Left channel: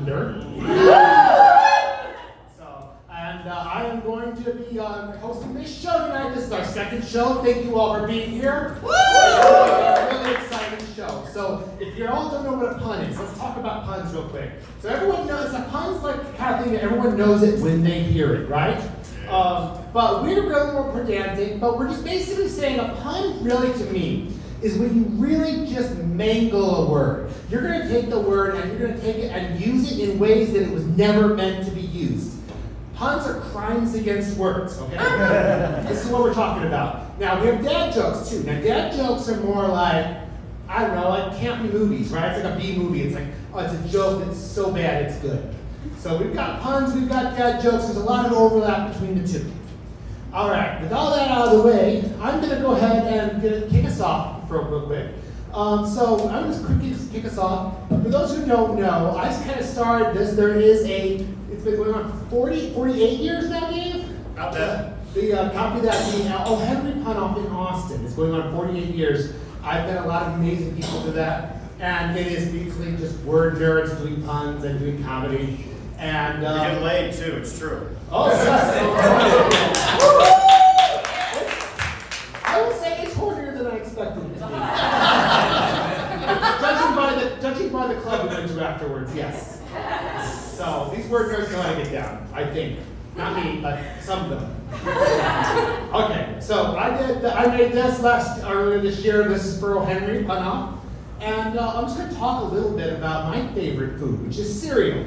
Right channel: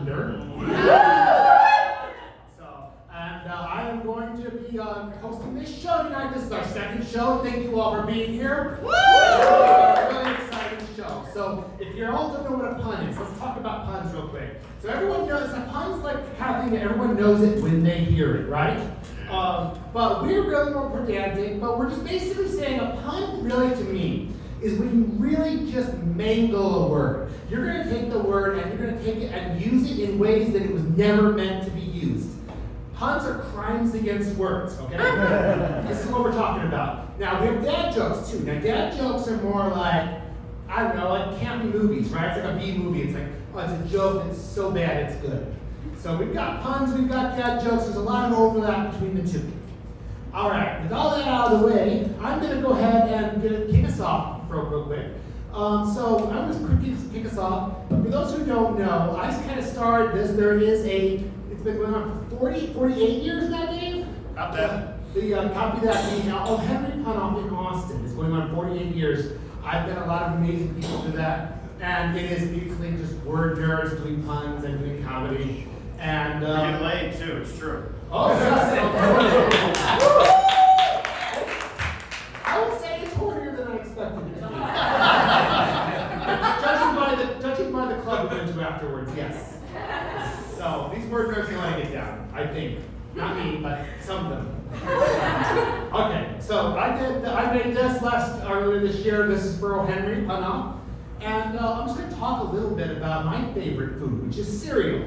punter. And I am going to be hosting this show tonight. This is our second show. Thank you all for being here. It's a really exciting show. So if you all don't know what a pun is, let's talk about puns real quick. So everyone knows, a pun's like the kind of thing that everyone knows it when they hear it, right? But we're really more pedantic, but we're just basically saying a pun really to me is when you really just mangle a word. You're going to take the word and you're going to take it and use it in ways that it was never meant to be used. Puns are crimes against words, okay? This is what we're talking about. Now, we have dad jokes too. Now, dad jokes are more like, I don't know, like campy movies, right? It's like a B movie. It's like, oh, it's a joke that's so bad it's good. So we've got puns, we've got dad jokes. There's a lot of overlap between the two. All right, with all that out of the way, I'm going to go ahead and kick us off real quick. So I'm going to kick us off. For those who don't know, I kind of started this. It's been going on for 48 years now, Dave? About that. The copy that the Henry Pun off in Austin is going on 48 years. I've met a lot of amazing people to that. And it is basically just word nerds doing puns and doing comedy. And we get laid too, it's true. Oh, yes. I would say it's hornier than I expected it to be. Judging by the club we went to afterwards, yes. So these word nerds know how to get down, I think. Not me, but some of them. Okay, so I made this earlier this year. This is for O. Henry Pun Off. And I'm just going to talk a little bit about my favorite food, which is cereal.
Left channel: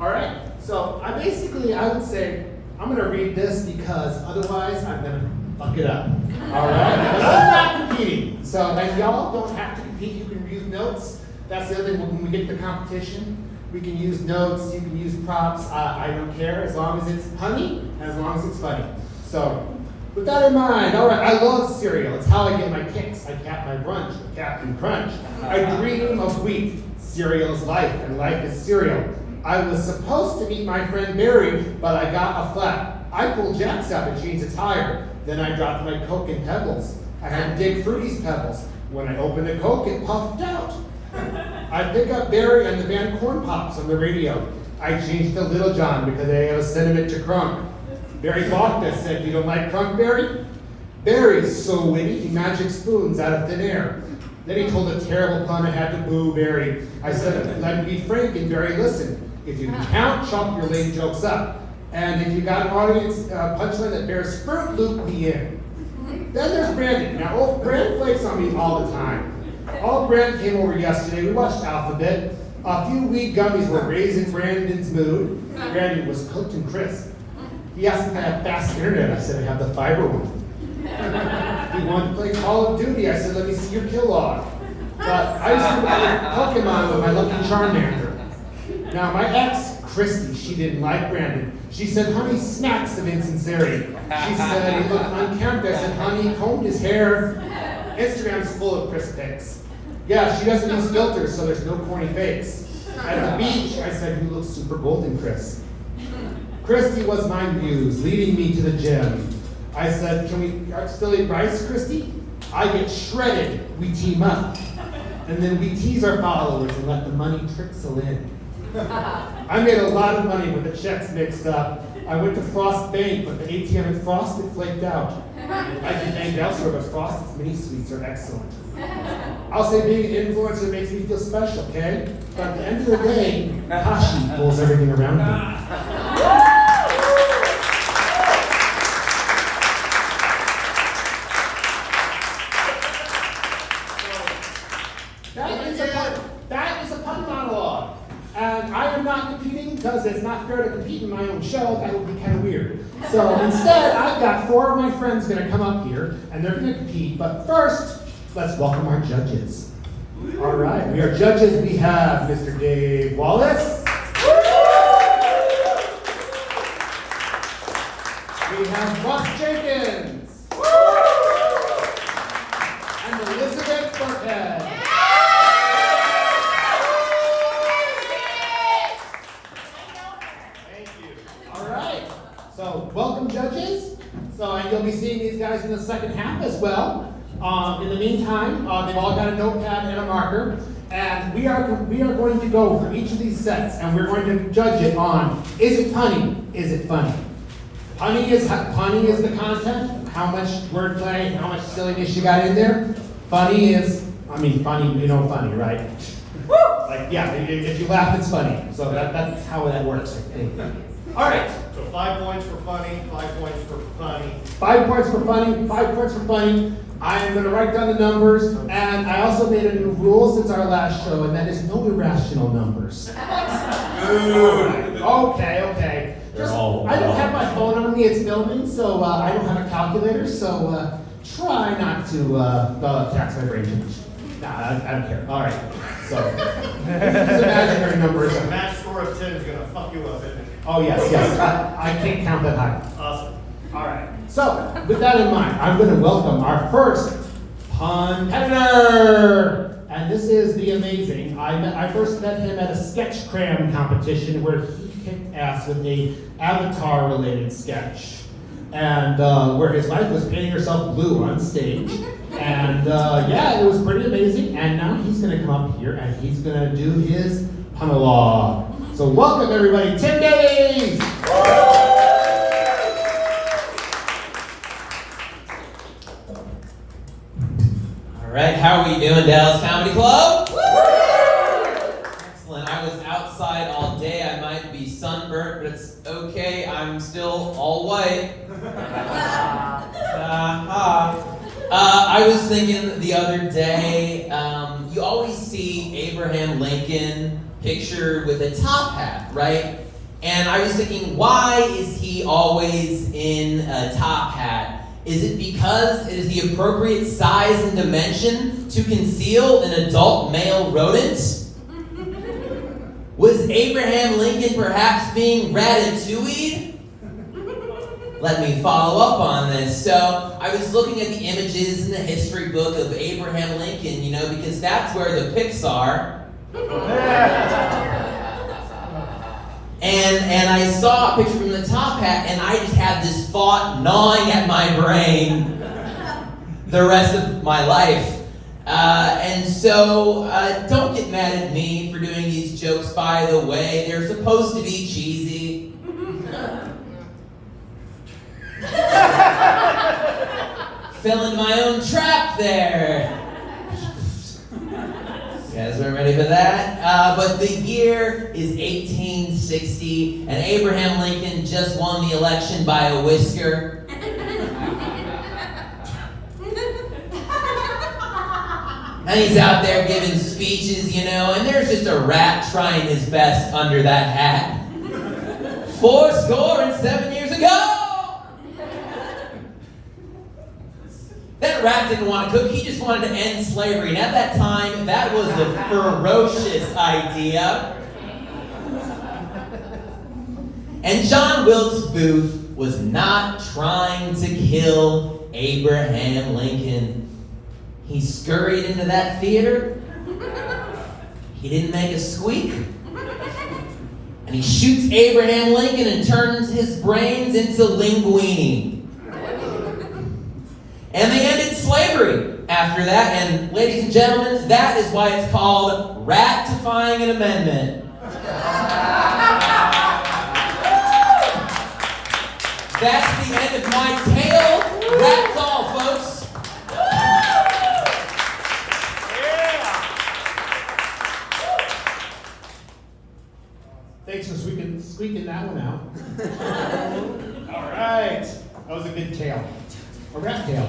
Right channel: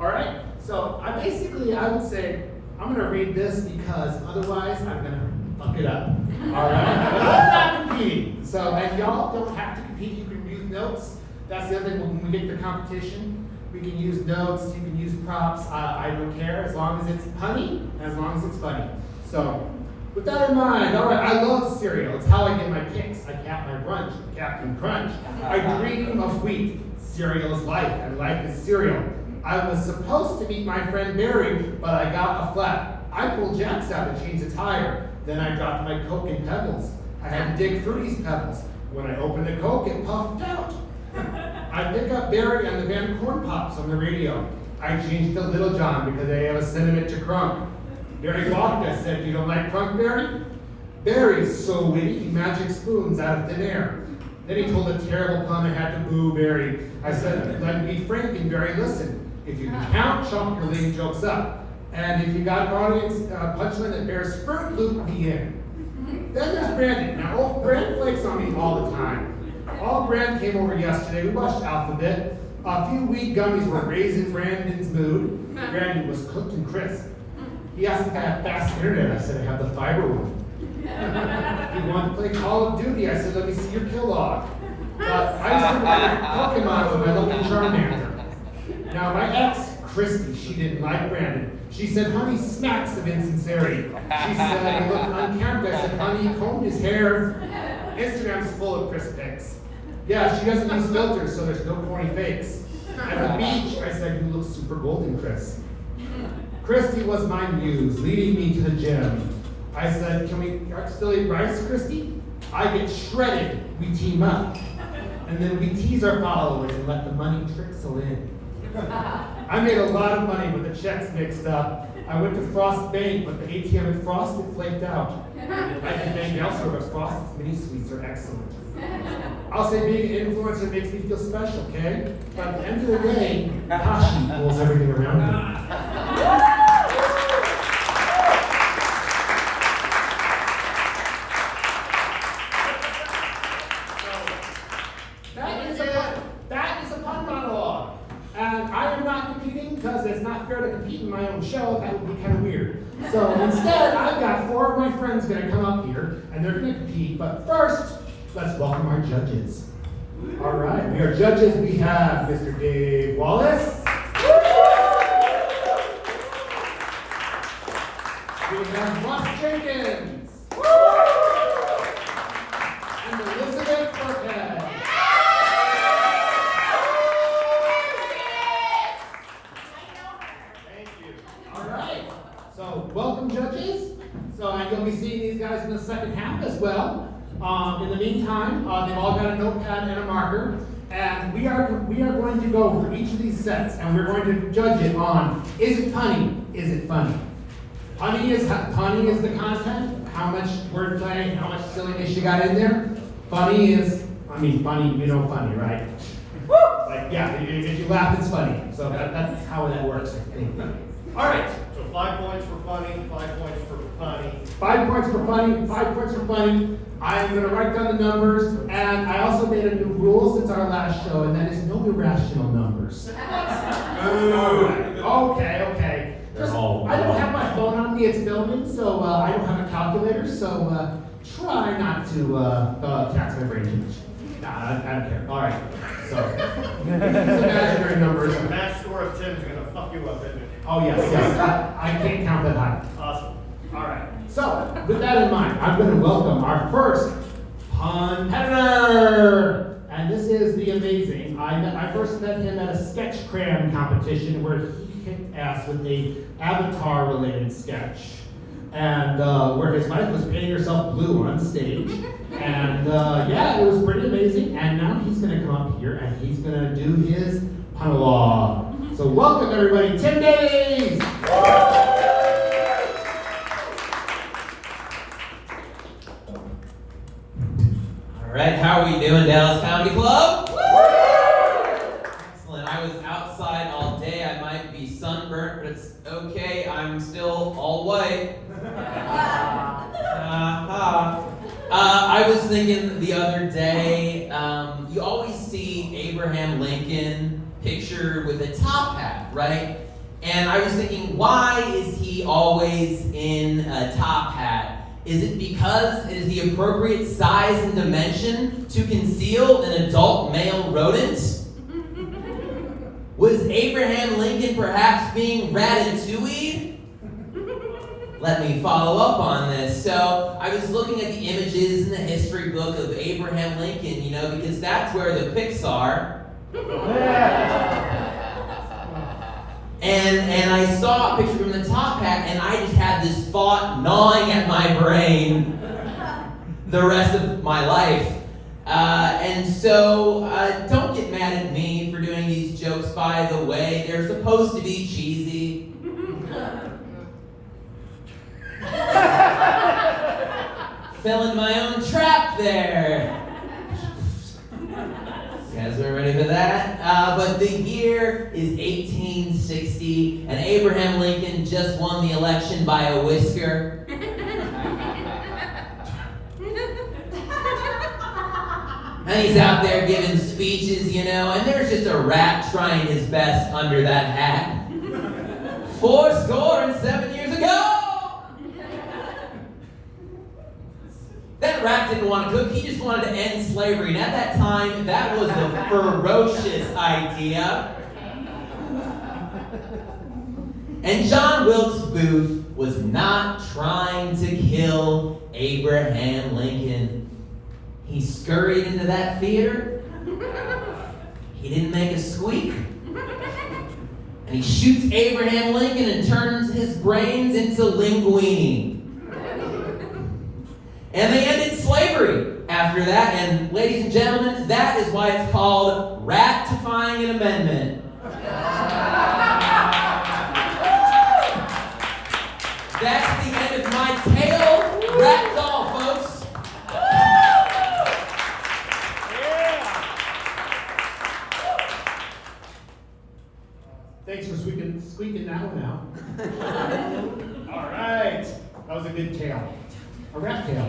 All right? So I would say, I'm going to read this because otherwise I'm going to fuck it up. All right? But I'm not competing. So and y'all don't have to compete. You can use notes. That's the other thing. When we get to the competition, we can use notes. You can use props. I don't care as long as it's punny and as long as it's funny. So with that in mind, all right, I love cereal. It's how I get my kicks. I cap my brunch, Captain Crunch. I dream of wheat. Cereal is life, and life is cereal. I was supposed to meet my friend Barry, but I got a flat. I pulled jacks out to change the tire. Then I dropped my Coke in Pebbles. I had to dig Fruity's Pebbles. When I opened the Coke, it puffed out. I pick up Barry and the band Corn Pops on the radio. I changed to Little John because they have a sentiment to Crunk. Barry balked us, said, "You don't like Crunk, Barry?" Barry's so witty, he magic spoons out of thin air. Then he told a terrible pun. I had to boo Barry. I said, "Let me be frank," and Barry listened. If you can count, chunk your lame jokes up. And if you got an audience punchline that bears fruit, loop me in. Then there's Brandon. Now, Brand flakes on me all the time. Brand came over yesterday. We watched Alphabet. A few weed gummies were raising Brandon's mood. Brandon was cooked and crisp. He asked if I had fast internet. I said I have the fiber one. He wanted to play Call of Duty. I said, "Let me see your kill log." But I used to play Pokemon with my Lucky Charmander. Now, my ex, Christy, she didn't like Brandon. She said, "Honey smacks of insincerity." She said he looked unkempt. I said, "Honey, he combed his hair." Instagram's full of Chris pics. Yeah, she doesn't use filters, so there's no corny fakes. At the beach, I said, "You look super golden, Chris." Christy was my muse, leading me to the gym. I said, "Can we still eat rice, Christy?" I get shredded. We team up. And then we tease our followers and let the money trickle in. I made a lot of money with the checks mixed up. I went to Frost Bank, but the ATM at Frosted flaked out. I can bank elsewhere, but Frosted's mini sweets are excellent. I'll say being an influencer makes me feel special, okay? But at the end of the day, Hashi pulls everything around me. That is a pun monologue. And I am not competing because it's not fair to compete in my own show. That would be kind of weird. So instead, I've got 4 of my friends going to come up here, and they're going to compete. But first, let's welcome our judges. All right, we are judges. We have Mr. Dave Wallace. We have Ross Jenkins. And Elizabeth Burkhead. So, welcome judges. And you'll be seeing these guys in the second half as well. In the meantime, they've all got a notepad and a marker. And we are going to go through each of these sets, and we're going to judge it on, is it punny? Is it funny? Punny is the content, how much wordplay, how much silliness you got in there. Funny is, funny, funny, right? Like, yeah, if you laugh, it's funny. So that's how that works, I think. All right. So 5 points for funny, 5 points for funny. 5 points for funny, 5 points for funny. I'm going to write down the numbers, and I also made a new rule since our last show, and that is no irrational numbers. Okay. I don't have my phone on me, it's filming, so I don't have a calculator, so try not to tax my brain. Nah, I don't care. All right. So, these imaginary numbers. A match score of 10 is going to fuck you up, isn't it? Oh, yes. I can't count that high. Awesome. All right. So, with that in mind, I'm going to welcome our first competitor. And this is the amazing. I first met him at a sketch cram competition where he kicked ass with a Avatar-related sketch. And where his wife was painting herself blue on stage. And yeah, it was pretty amazing. And now he's going to come up here and he's going to do his monologue. So welcome everybody, Tim Davies! All right, how are we doing, Dallas Comedy Club? Excellent. I was outside all day. I might be sunburnt, but it's okay. I'm still all white. I was thinking the other day, you always see Abraham Lincoln pictured with a top hat, right? And I was thinking, why is he always in a top hat? Is it because it is the appropriate size and dimension to conceal an adult male rodent? Was Abraham Lincoln perhaps being ratatouille'd? Let me follow up on this. So I was looking at the images in the history book of Abraham Lincoln, because that's where the pics are. And I saw a picture from the top hat, and I just had this thought gnawing at my brain the rest of my life. And so don't get mad at me for doing these jokes, by the way. They're supposed to be cheesy. Fell in my own trap there. You guys weren't ready for that? But the year is 1860, and Abraham Lincoln just won the election by a whisker. And he's out there giving speeches, and there's just a rat trying his best under that hat. 407 years ago! That rat didn't want to cook, he just wanted to end slavery. And at that time, that was a ferocious idea. And John Wilkes Booth was not trying to kill Abraham Lincoln. He scurried into that theater. He didn't make a squeak. And he shoots Abraham Lincoln and turns his brains into linguine. And they ended slavery after that. And ladies and gentlemen, that is why it's called ratifying an amendment. That's the end of my tale. That's all, folks. Thanks for squeaking that one out. All right. That was a good tale. A rat tail.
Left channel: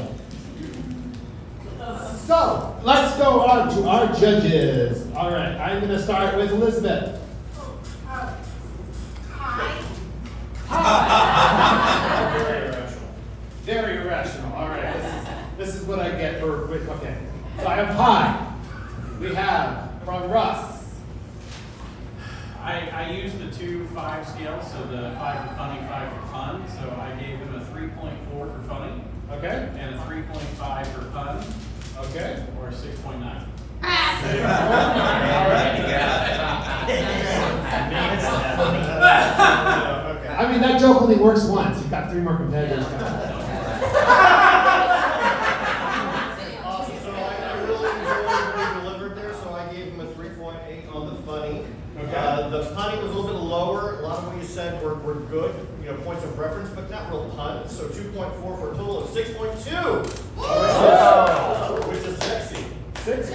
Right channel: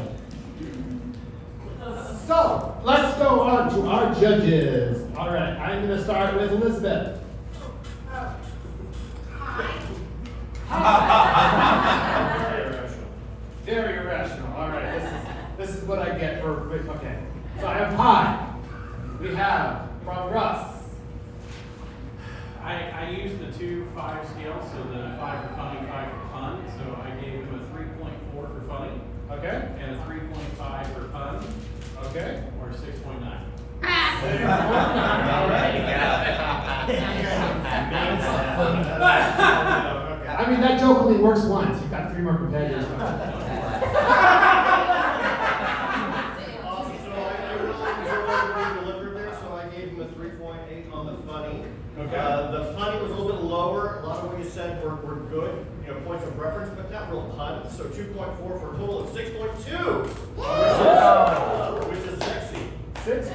So, let's go on to our judges. All right, I'm going to start with Elizabeth. Hi. Very irrational. Very irrational. All right, this is what I get for, okay. So I have pie. We have from Russ. I used the 2-5 scale, so the 5 for funny, 5 for fun. So I gave him a 3.4 for funny. Okay. And a 3.5 for fun. Okay. Or a 6.9. All right. I mean, that joke only works once. You've got 3 more competitors. Awesome. So I really enjoyed what he delivered there, so I gave him a said were good, you know, points of reference, but not real puns. So 2.4 for a total of 6.2, which is sexy. 6.2.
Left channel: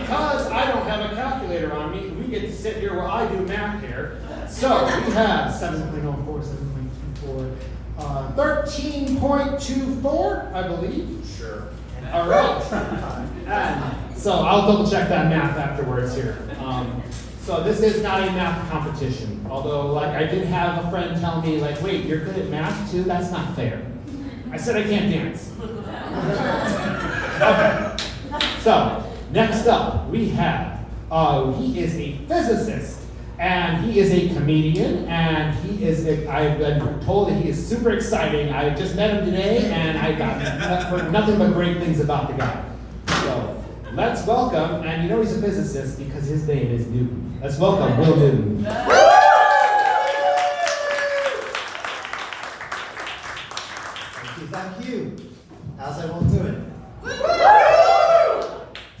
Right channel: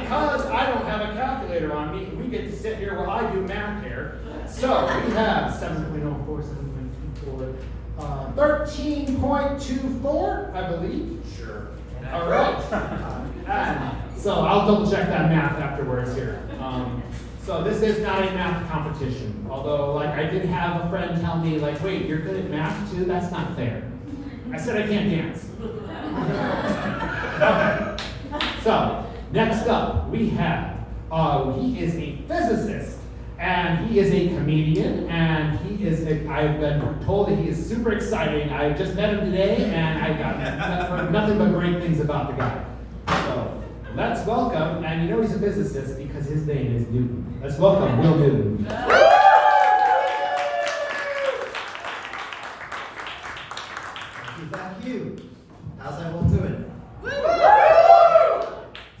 Because I don't have a calculator on me, we get to sit here while I do math here. So we have 7.04, 7.24, 13.24, I believe. Sure. All right. And so I'll double check that math afterwards here. So this is not a math competition. Although, like, I did have a friend tell me, like, wait, you're good at math too? That's not fair. I said I can't dance. Okay. So next up, we have, he is a physicist, and he is a comedian, and I've been told that he is super exciting. I just met him today, and I heard nothing but great things about the guy. So let's welcome, and you know he's a physicist because his name is Newton. Let's welcome Will Newton. Thank you. How's everyone doing?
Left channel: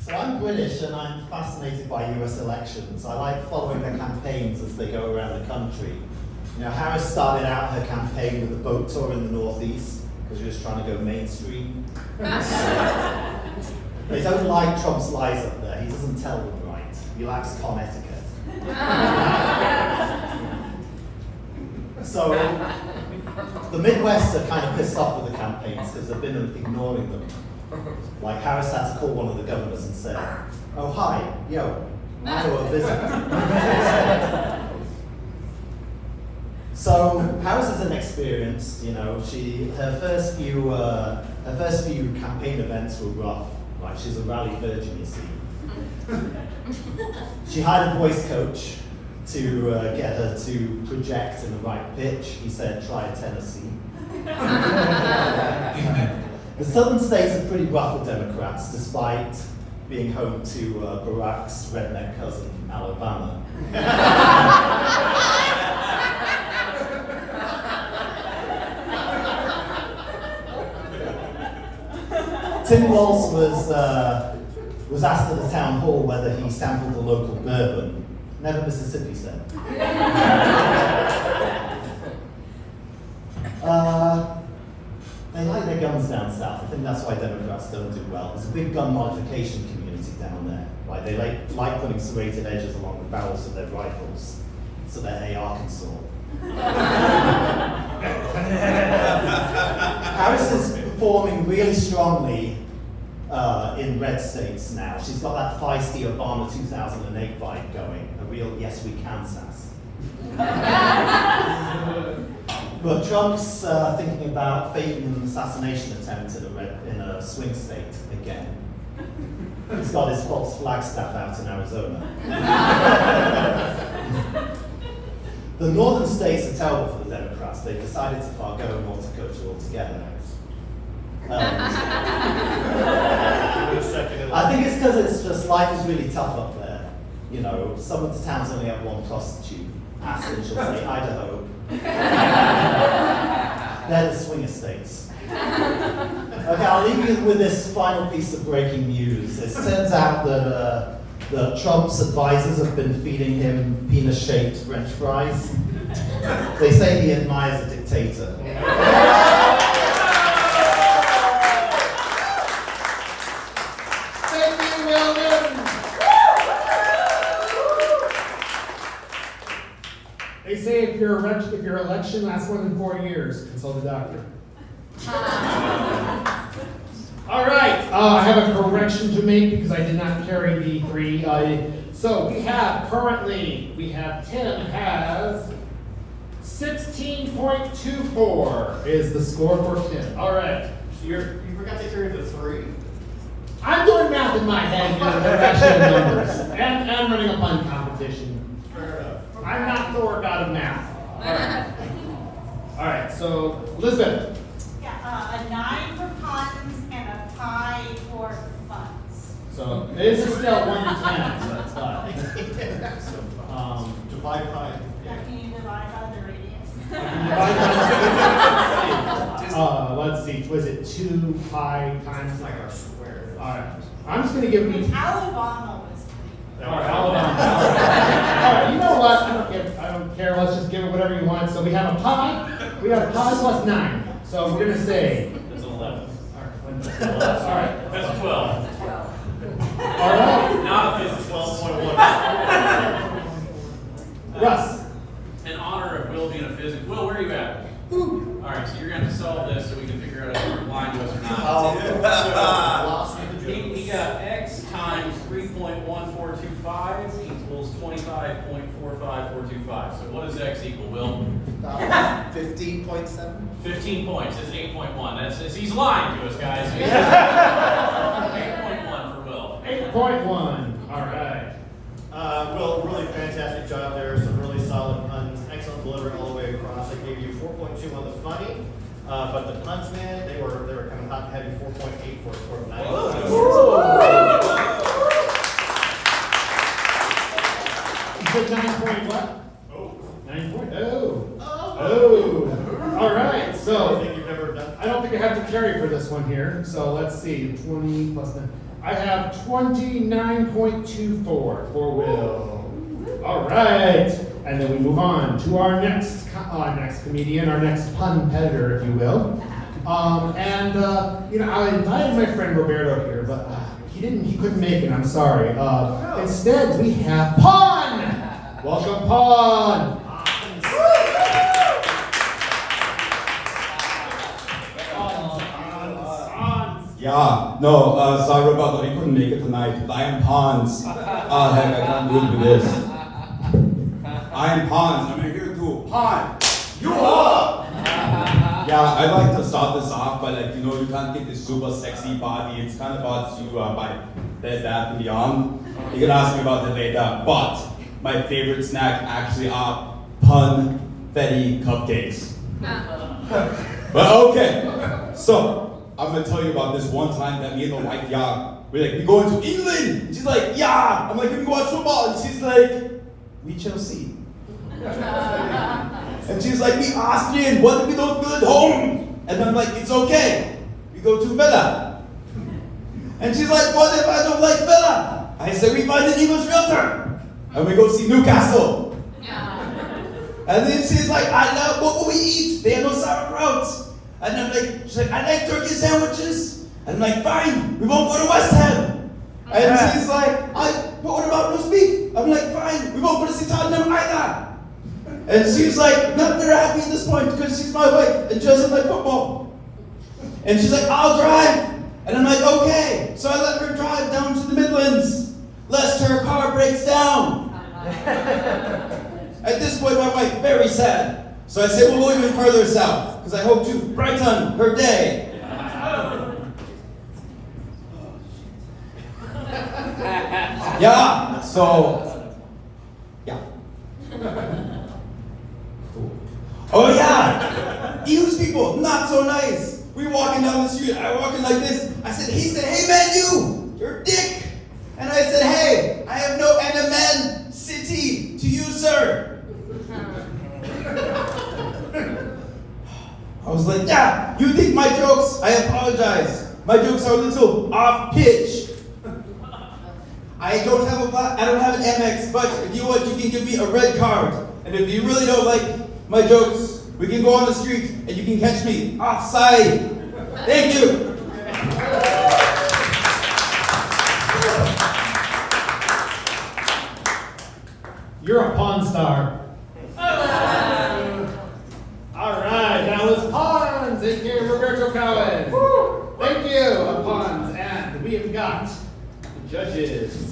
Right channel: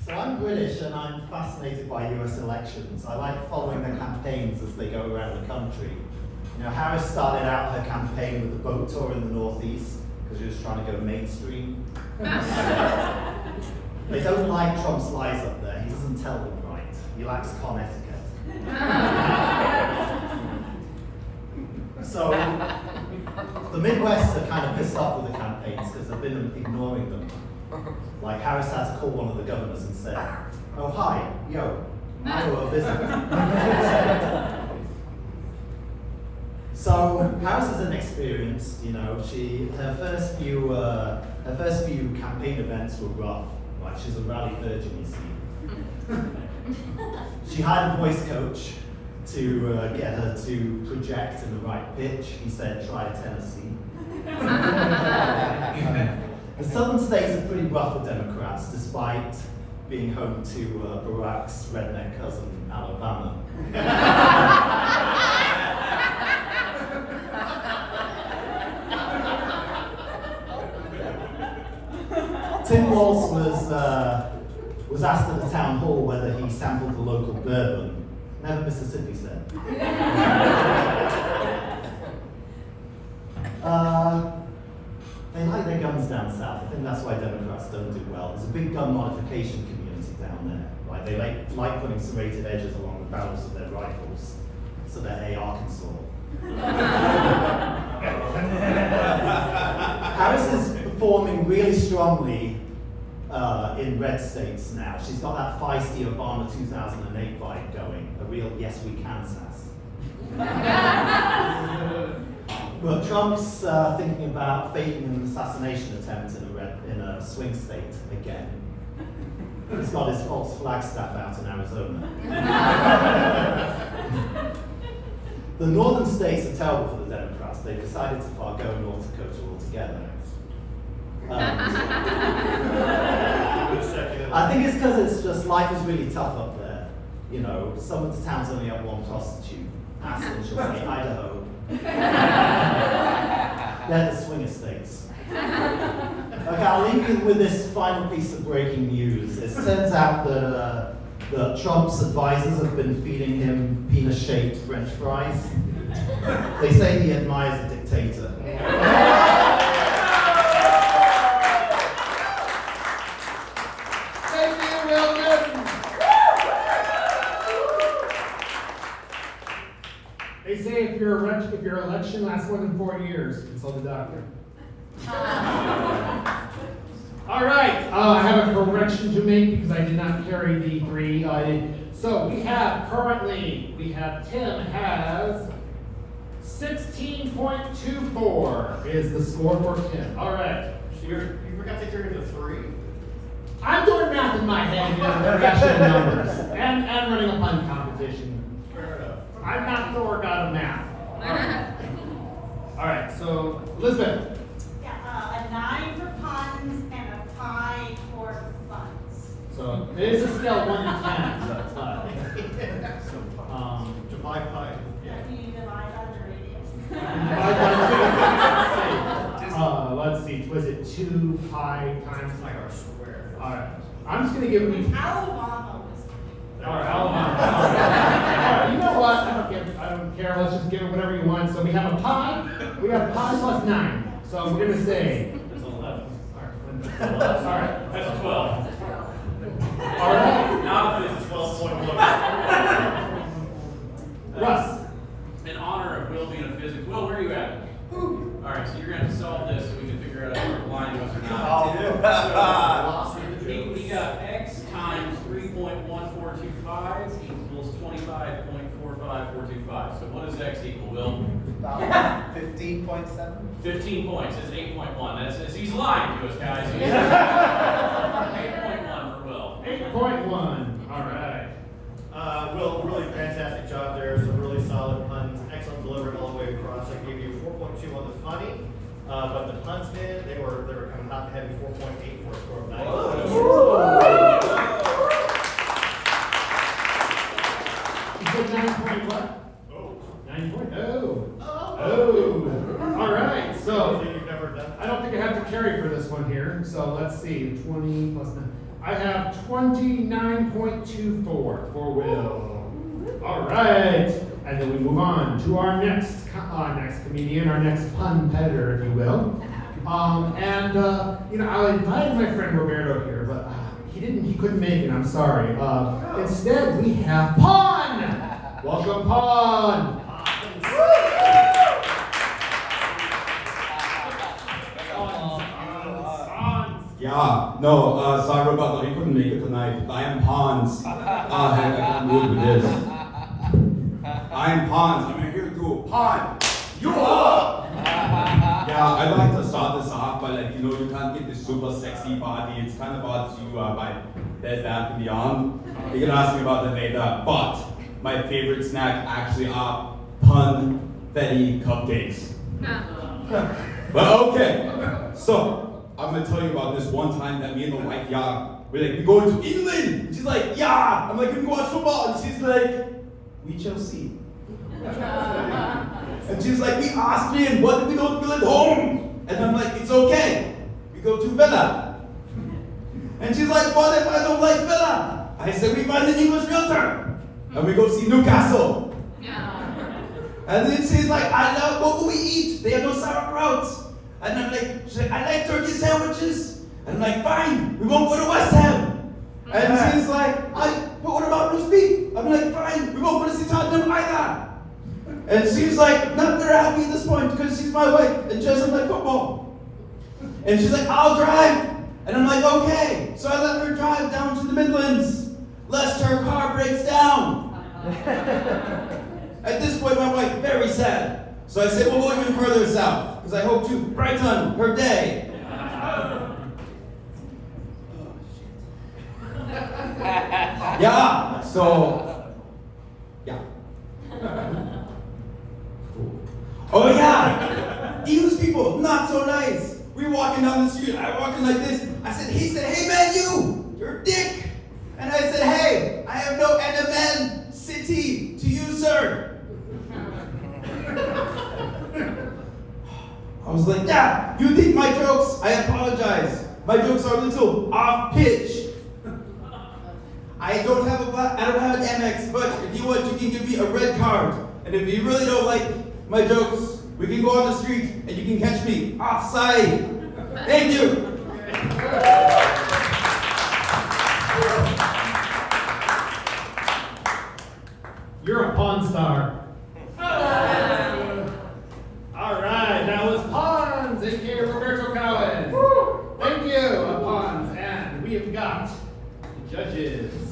So I'm British and I'm fascinated by US elections. I like following the campaigns as they go around the country. You know, Harris started out her campaign with a boat tour in the Northeast because she was trying to go mainstream. They don't like Trump's lies up there. He doesn't tell them right. He lacks con etiquette. So the Midwest are kind of pissed off with the campaigns because they've been ignoring them. Like Harris had to call one of the governors and say, "Oh hi, yo, Iowa visit." So Harris is inexperienced, you know. Her first few campaign events were rough. Like she's a rally virgin, you see. She hired a voice coach to get her to project in the right pitch. He said, "Try Tennessee." The southern states are pretty rough with Democrats, despite being home to Barack's redneck cousin, Alabama. Tim Walz was asked at the town hall whether he sampled the local bourbon. Never Mississippi said. They like their guns down south. I think that's why Democrats don't do well. There's a big gun modification community down there. Right? They like putting serrated edges along the barrels of their rifles so that AR can soar. Harris is performing really strongly in red states now. She's got that feisty Obama 2008 vibe going, a real yes we can sass. But Trump's thinking about faking an assassination attempt in a swing state again. He's got his false flag staff out in Arizona. The northern states are terrible for the Democrats. They've decided to forgo North Dakota altogether. I think it's because it's just life is really tough up there. You know, some of the towns only have one prostitute. Aspen, she'll say Idaho. They're the swinger states. Okay, I'll leave you with this final piece of breaking news. It turns out that Trump's advisors have been feeding him penis-shaped French fries. They say he admires a dictator. Thank you, Will Newton. They say if your election lasts more than 4 years, consult a doctor. All right, I have a correction to make because I did not carry the 3. So we have Tim has 16.24 is the score for Tim. All right. So you forgot to carry the 3? I'm doing math in my head here, the actual numbers, and running a fun competition. Fair enough. I'm not Thor god of math. All right, so Elizabeth. Yeah, a 9 for puns and a 5 for funds. So this is still 1 to 10, so that's left. Divide pie. Can you divide by the radius? Let's see, was it 2 pi times? It's like our square. All right, I'm just gonna give you. Alabama was. All right, Alabama. All right, you know what? I don't let's just give it whatever you want. So we have a pi. We have pi plus 9. So we're going to say. That's an 11. All right. That's a 12. All right. Not a It's physics. 12.1. Russ. In honor of Will being a physics. Will, where are you at? Alright, so you're going to have to solve this so we can figure out if you're blind to us or not. Philosophy of the We jokes. got x times 3.1425 equals 25.45425. So what does x equal, Will? 15.7. 15 points. It's 8.1. He's lying to us, guys. 8.1 for Will. 8.1. All right. Will, really fantastic job there. Some really solid puns. Excellent delivery all the way across. I gave you 4.2 on the funny, but the puns, man, they were kind of hot and heavy. 4.8 for a score of 9. You said 9 point what? Oh. 9 point. Oh. All right. So Anything you've ever done? I don't think I have to carry for this one here. So let's see. 20 plus 9. I have 29.24 for Will. All right. And then we move on to our next comedian, our next pun competitor, if you will. I invited my friend Roberto here, but he couldn't make it. I'm sorry. Instead, we have Pun. Welcome, Pun. Yeah, no, sorry Roberto, we couldn't make it tonight. I am Pons. Heck, I can't do it with this. I am Pons. I'm here to pawn you up. Yeah, I'd like to start this off by you can't get this super sexy body. It's kind of hard to by Bed Bath & Beyond. You can ask me about it later. But my favorite snack actually are pun-fetti cupcakes. But okay, so I'm gonna tell you about this one time that me and my wife, we go into England. And she's like, I'm like, we can go watch football. And she's like, we Chelsea. And she's like, we Austrian. What if we don't feel at home? And I'm like, it's okay. We go to Villa. And she's like, what if I don't like Villa? I said, we find an English realtor. And we go see Newcastle. And then she's like, what will we eat? They have no sauerkraut. And I'm like, she's like, I like turkey sandwiches. And I'm like, fine, we won't go to West Ham. And she's like, but what about roast beef? I'm like, fine, we won't go to see Tottenham either. And she's like, not very happy at this point because she's my wife and she doesn't like football. And she's like, I'll drive. And I'm like, okay. So I let her drive down to the Midlands, lest her car breaks down. At this point, my wife, very sad. So I say, we'll go even further south, because I hope to brighten her day. Yeah, so, yeah. Oh yeah, English people, not so nice. We walking down the street, I walking like this. He said, hey man, you're a dick. And I said, hey, I have no animosity to you, sir. I was like, yeah, you think my jokes? I apologize. My jokes are a little off pitch. I don't have an MX, but if you want, you can give me a red card. And if you really don't like my jokes, we can go on the street and you can catch me offside. Thank you. You're a Pawn Star. All right, that was Pawns, aka Roberto Cowan. Thank you, Pawns. And we have got judges.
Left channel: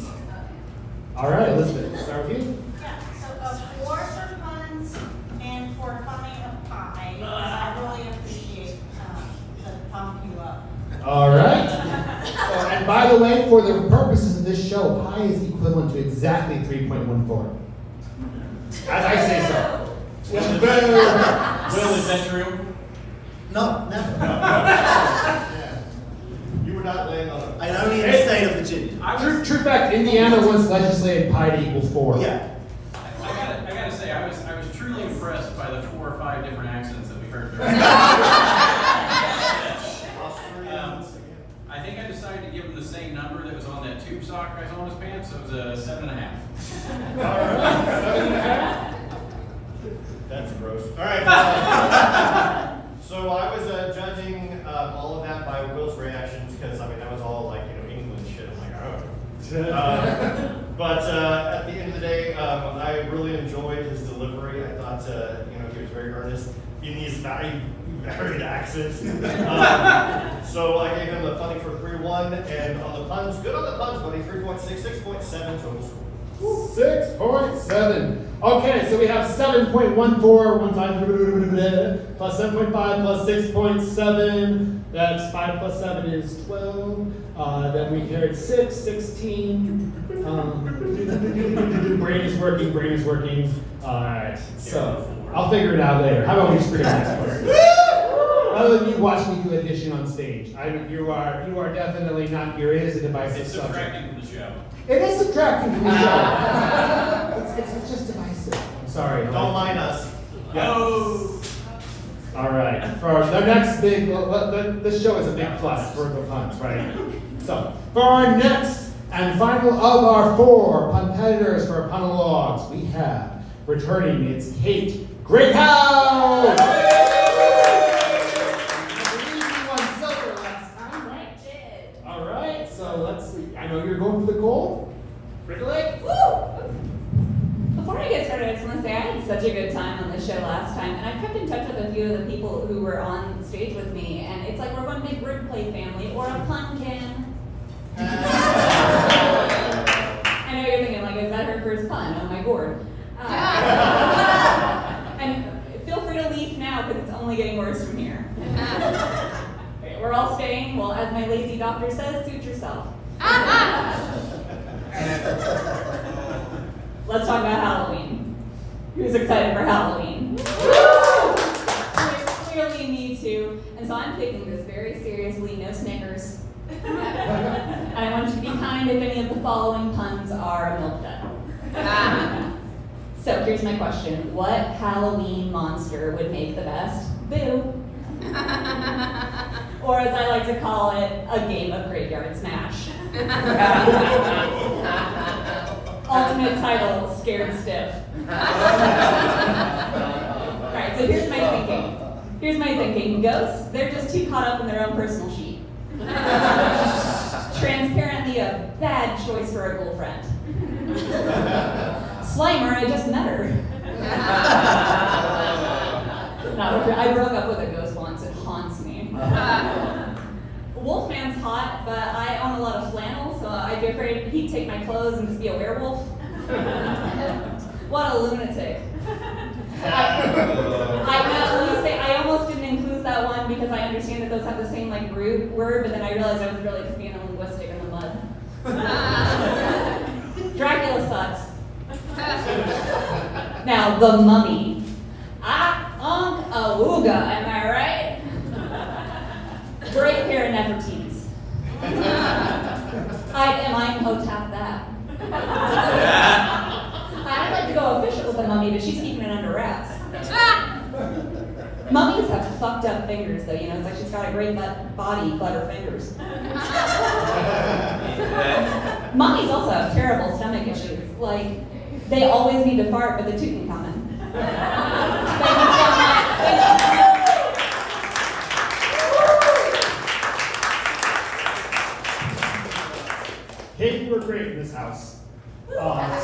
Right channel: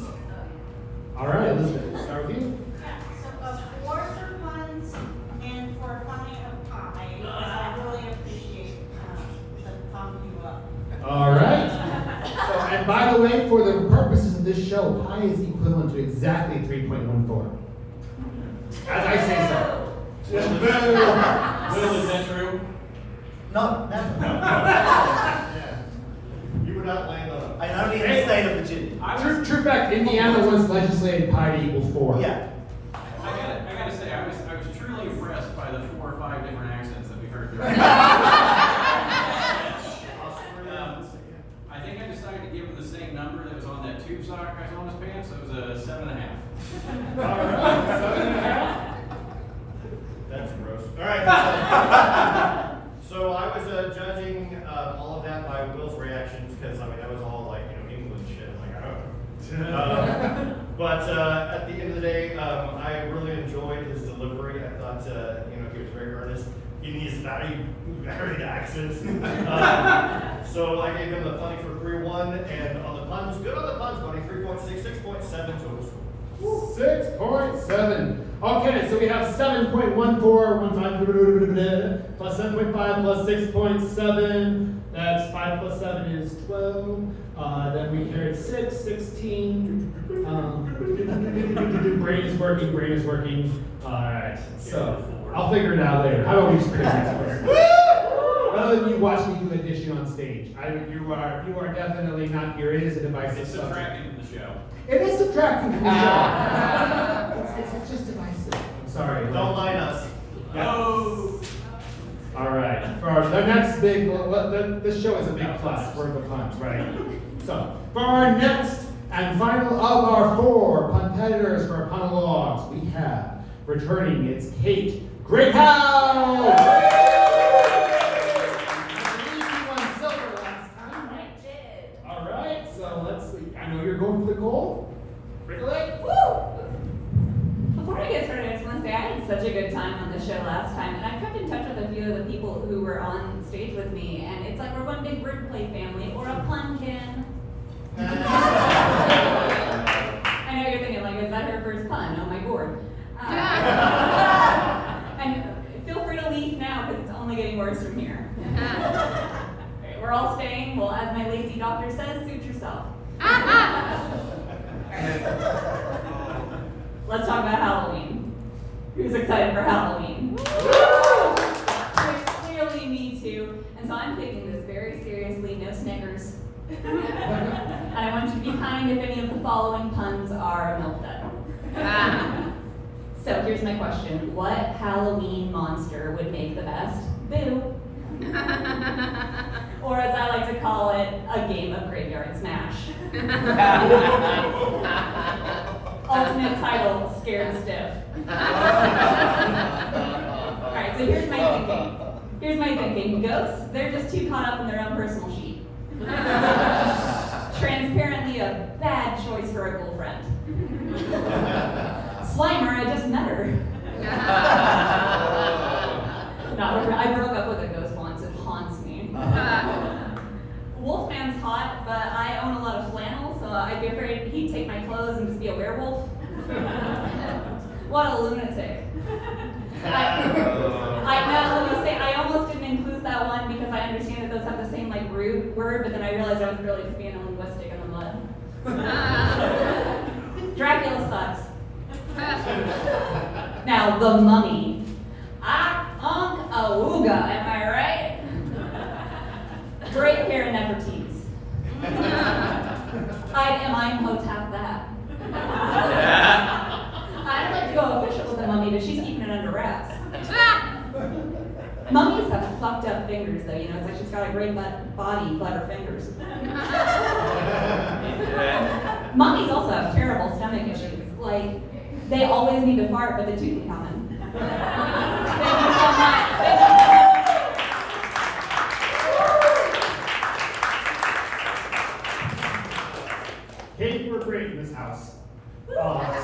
All right, Elizabeth, start with you. Yeah, so for puns and for funny of pie, because I really appreciate the pump you up. All right. And by the way, for the purposes of this show, pi is equivalent to exactly 3.14. As I say so. Will, is that true? No. You were not laying on a. I only in the state of Virginia. True fact, Indiana once legislated pi to equal 4. Yeah. I gotta say, I was truly impressed by the 4 or 5 different accents that we heard during I think I decided to give him the same number that was on that tube sock I saw on his pants, so it was a 7.5. All right, 7.5. gross. All right. So I was judging all of that by Will's reactions because I mean that was all like England shit. I'm like, oh. But at the end of the day, I really enjoyed his delivery. I thought he was very earnest in these very varied accents. So I gave him a funny for 3-1, and on the puns, good on the puns, buddy. 3.6, 6.7 total score. 6.7. Okay, so we have 7.14 plus 7.5 plus 6.7. That's 5 plus 7 is 12. Then we carried 6, 16. Brain is working. Alright, so I'll figure it out later. How about we just forget next person? Rather than you watch me do addition on stage. You are definitely not, it is a divisive It's subject. subtracting from the show. It is subtracting from the show. it's just divisive. I'm sorry. Don't mind us. Oh. All right. For the next big, this show is a big plus for the puns, right? So, for our next and final of our 4 competitors for monologues, we have returning. It's Kate Greathouse. I believe you won silver last time, right? All right. So let's see. I know you're going for the gold. Regulate. Woo! Before we get started, I just want to say I had such a good time on the show last time, and I've kept in touch with a few of the people who were on stage with me, and it's like we're one big word play family, or a punkin. I know you're thinking, like, is that her first pun? Oh my gourd. And feel free to leave now, because it's only getting worse from here. Okay, we're all staying. Well, as my lazy doctor says, suit yourself. Let's talk about Halloween. Who's excited for Halloween? Clearly me too. And so I'm taking this very seriously, no Snickers. And I want you to be kind if any of the following puns are milk dud. So here's my question. What Halloween monster would make the best boo? Or as I like to call it, a game of graveyard smash. Ultimate title, Scared Stiff. Alright, so here's my thinking. Ghosts, they're just too caught up in their own personal sheet. Transparently a bad choice for a girlfriend. Slimer, I just met her. I broke up with a ghost once, it haunts me. Wolfman's hot, but I own a lot of flannel, so I'd be afraid he'd take my clothes and just be a werewolf. What a lunatic. I almost didn't include that one because I understand that those have the same like root word, but then I realized I was really just being a linguistic in the mud. Dracula sucks. Now, the mummy. Awooga, am I right? Great pair of Nefertitis. I'd Imhotep that. I'd like to go official with the mummy, but she's keeping it under wraps. Mummies have fucked up fingers, though. It's like she's got a great body, but her fingers. Mummies also have terrible stomach issues. Like, they always need to fart, but the Tutankhamun. Thank you so much. Kate, you were great in this house.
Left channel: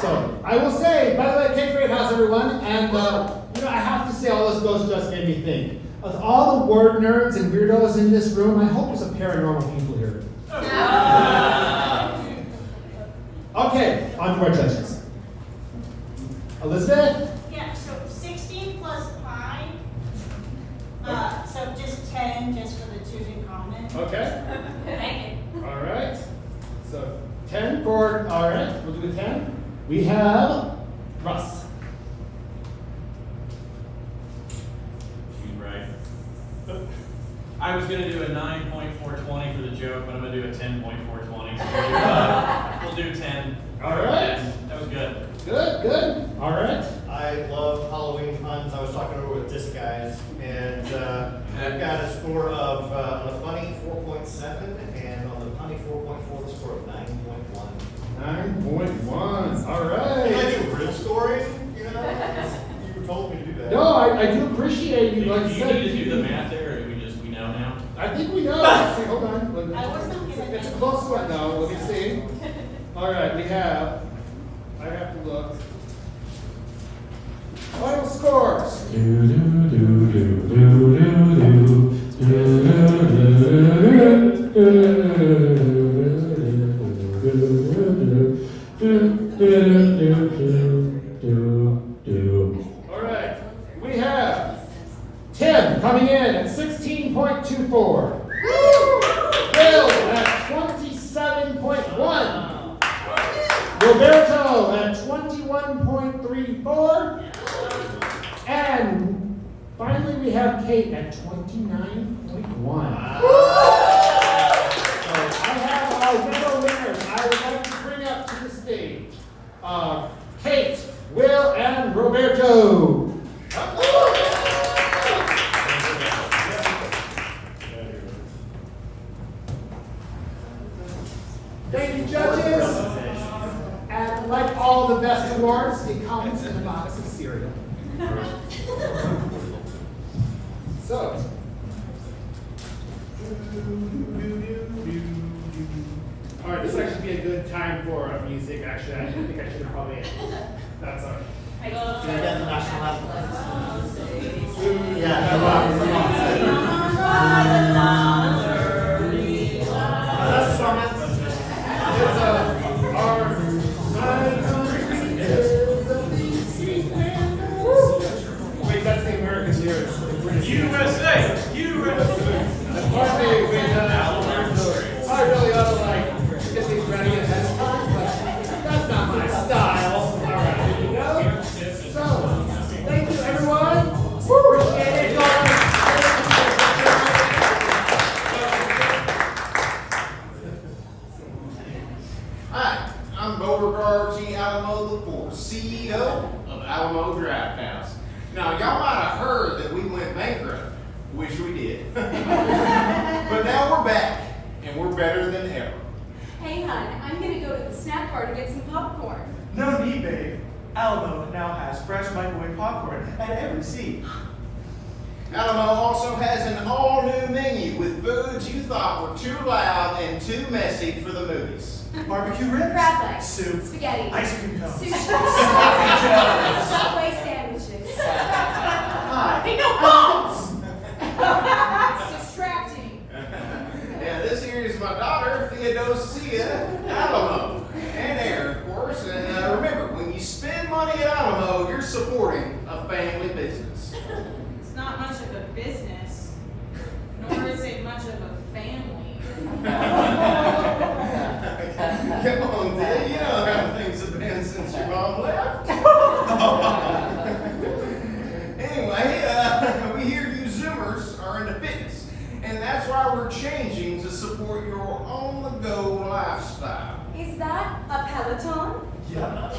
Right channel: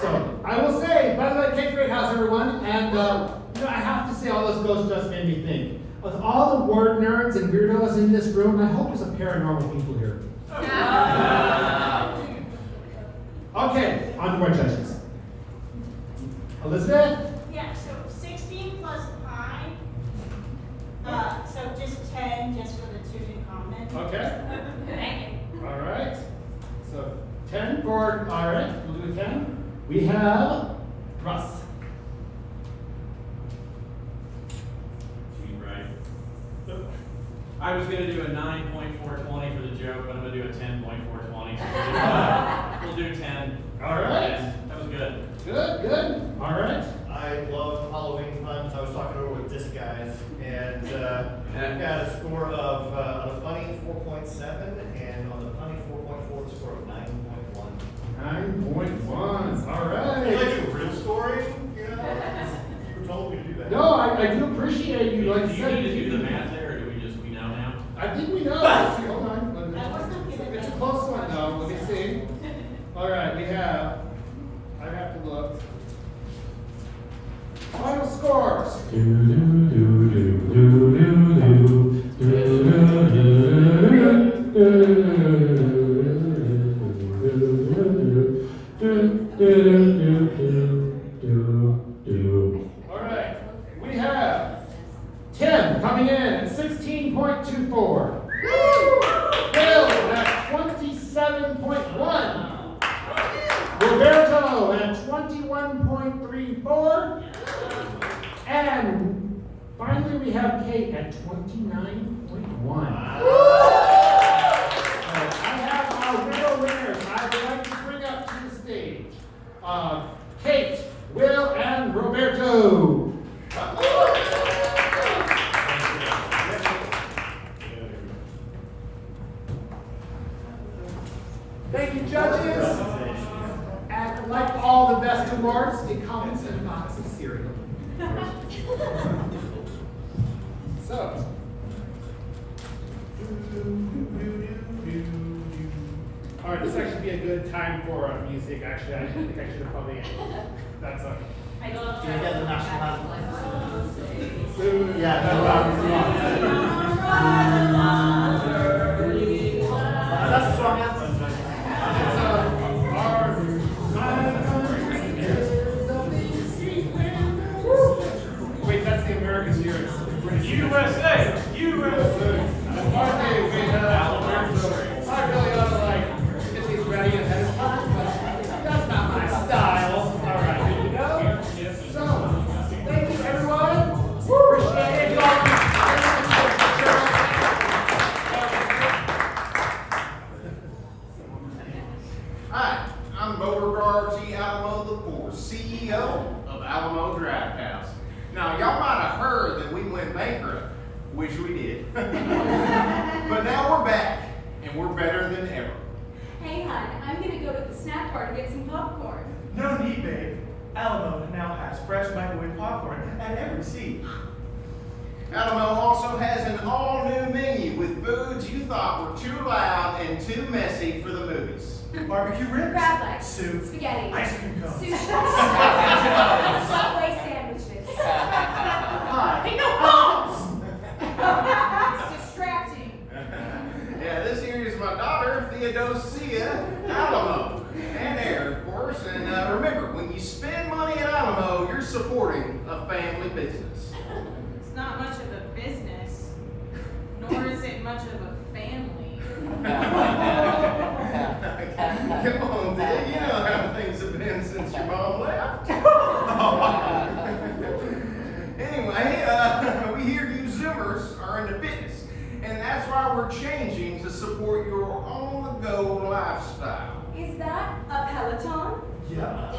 So I will say, by the way, Kate, great house, everyone. And I have to say, all this ghost just made me think. With all the word nerds and weirdos in this room, I hope there's some paranormal people here. Okay, on to our judges. Elizabeth? Yeah, so 16 plus pi. So just 10 just for the Tutankhamun. Okay. Thank you. All right. So 10 for, all right, we'll do a 10. We have Russ. She's right. I was gonna do a 9.420 for the joke, but I'm gonna do a 10.420. So we'll do 10. All right. That was good. Good. All right. I love Halloween puns. I was talking over with this guys, and we've got a score of the funny 4.7, and on the funny 4.4, the score of 9.1. 9.1. All It's like right. a real story, who told me to do that. No, I do appreciate you, like Do you you said. need to do the math there, or do we know now? I think we know. Let's see, hold on. I wasn't given It's a any close one though, let me see. instructions. All right, we have, I have to look. Final scores. All right, we have Tim coming in at 16.24. Bill at 27.1. Roberto at 21.34. And finally, we have Kate at 29.1. I have our medal winners. I would like to bring up to the stage Kate, Will, and Roberto. Thank you, judges. And like all the best awards, it comes in a box of cereal. So. All right, this actually be a good time for music. Actually, I think I should have probably ended. That's all right. I love Can we get the national anthem? Yeah, come on, come on. That's the song anthem. It's our Wait, that's the American lyrics. The British USA! USA! And partly with Alberto. I really ought to like get these ready ahead of time, but that's not my style. All right, here we go. So, thank you everyone. Appreciate it. Hi, I'm Beauregard G. Alamo IV, CEO of Alamo Draft House. Now, y'all might have heard that we went bankrupt, which we did. But now we're back, and we're better than ever. Hey, hon, I'm gonna go to the snack bar to get some popcorn. No need, babe. Alamo now has fresh microwave popcorn at every seat. Alamo also has an all-new menu with foods you thought were too loud and too messy for the movies. Barbecue ribs, Crab legs, soup, spaghetti, ice cream cones, sushi, Joe's. Subway sandwiches. Hi. Hey, no bones! It's distracting. Yeah, this here is my daughter, Theodosia Alamo, and heir, of course. And remember, when you spend money at Alamo, you're supporting a family business. It's not much of a business, nor is it much of a family. Come on, Thea, you know how things have been since your mom left. Anyway, we hear you Zoomers are into fitness, and that's why we're changing to support your on-the-go lifestyle. Is that a Peloton? Yep.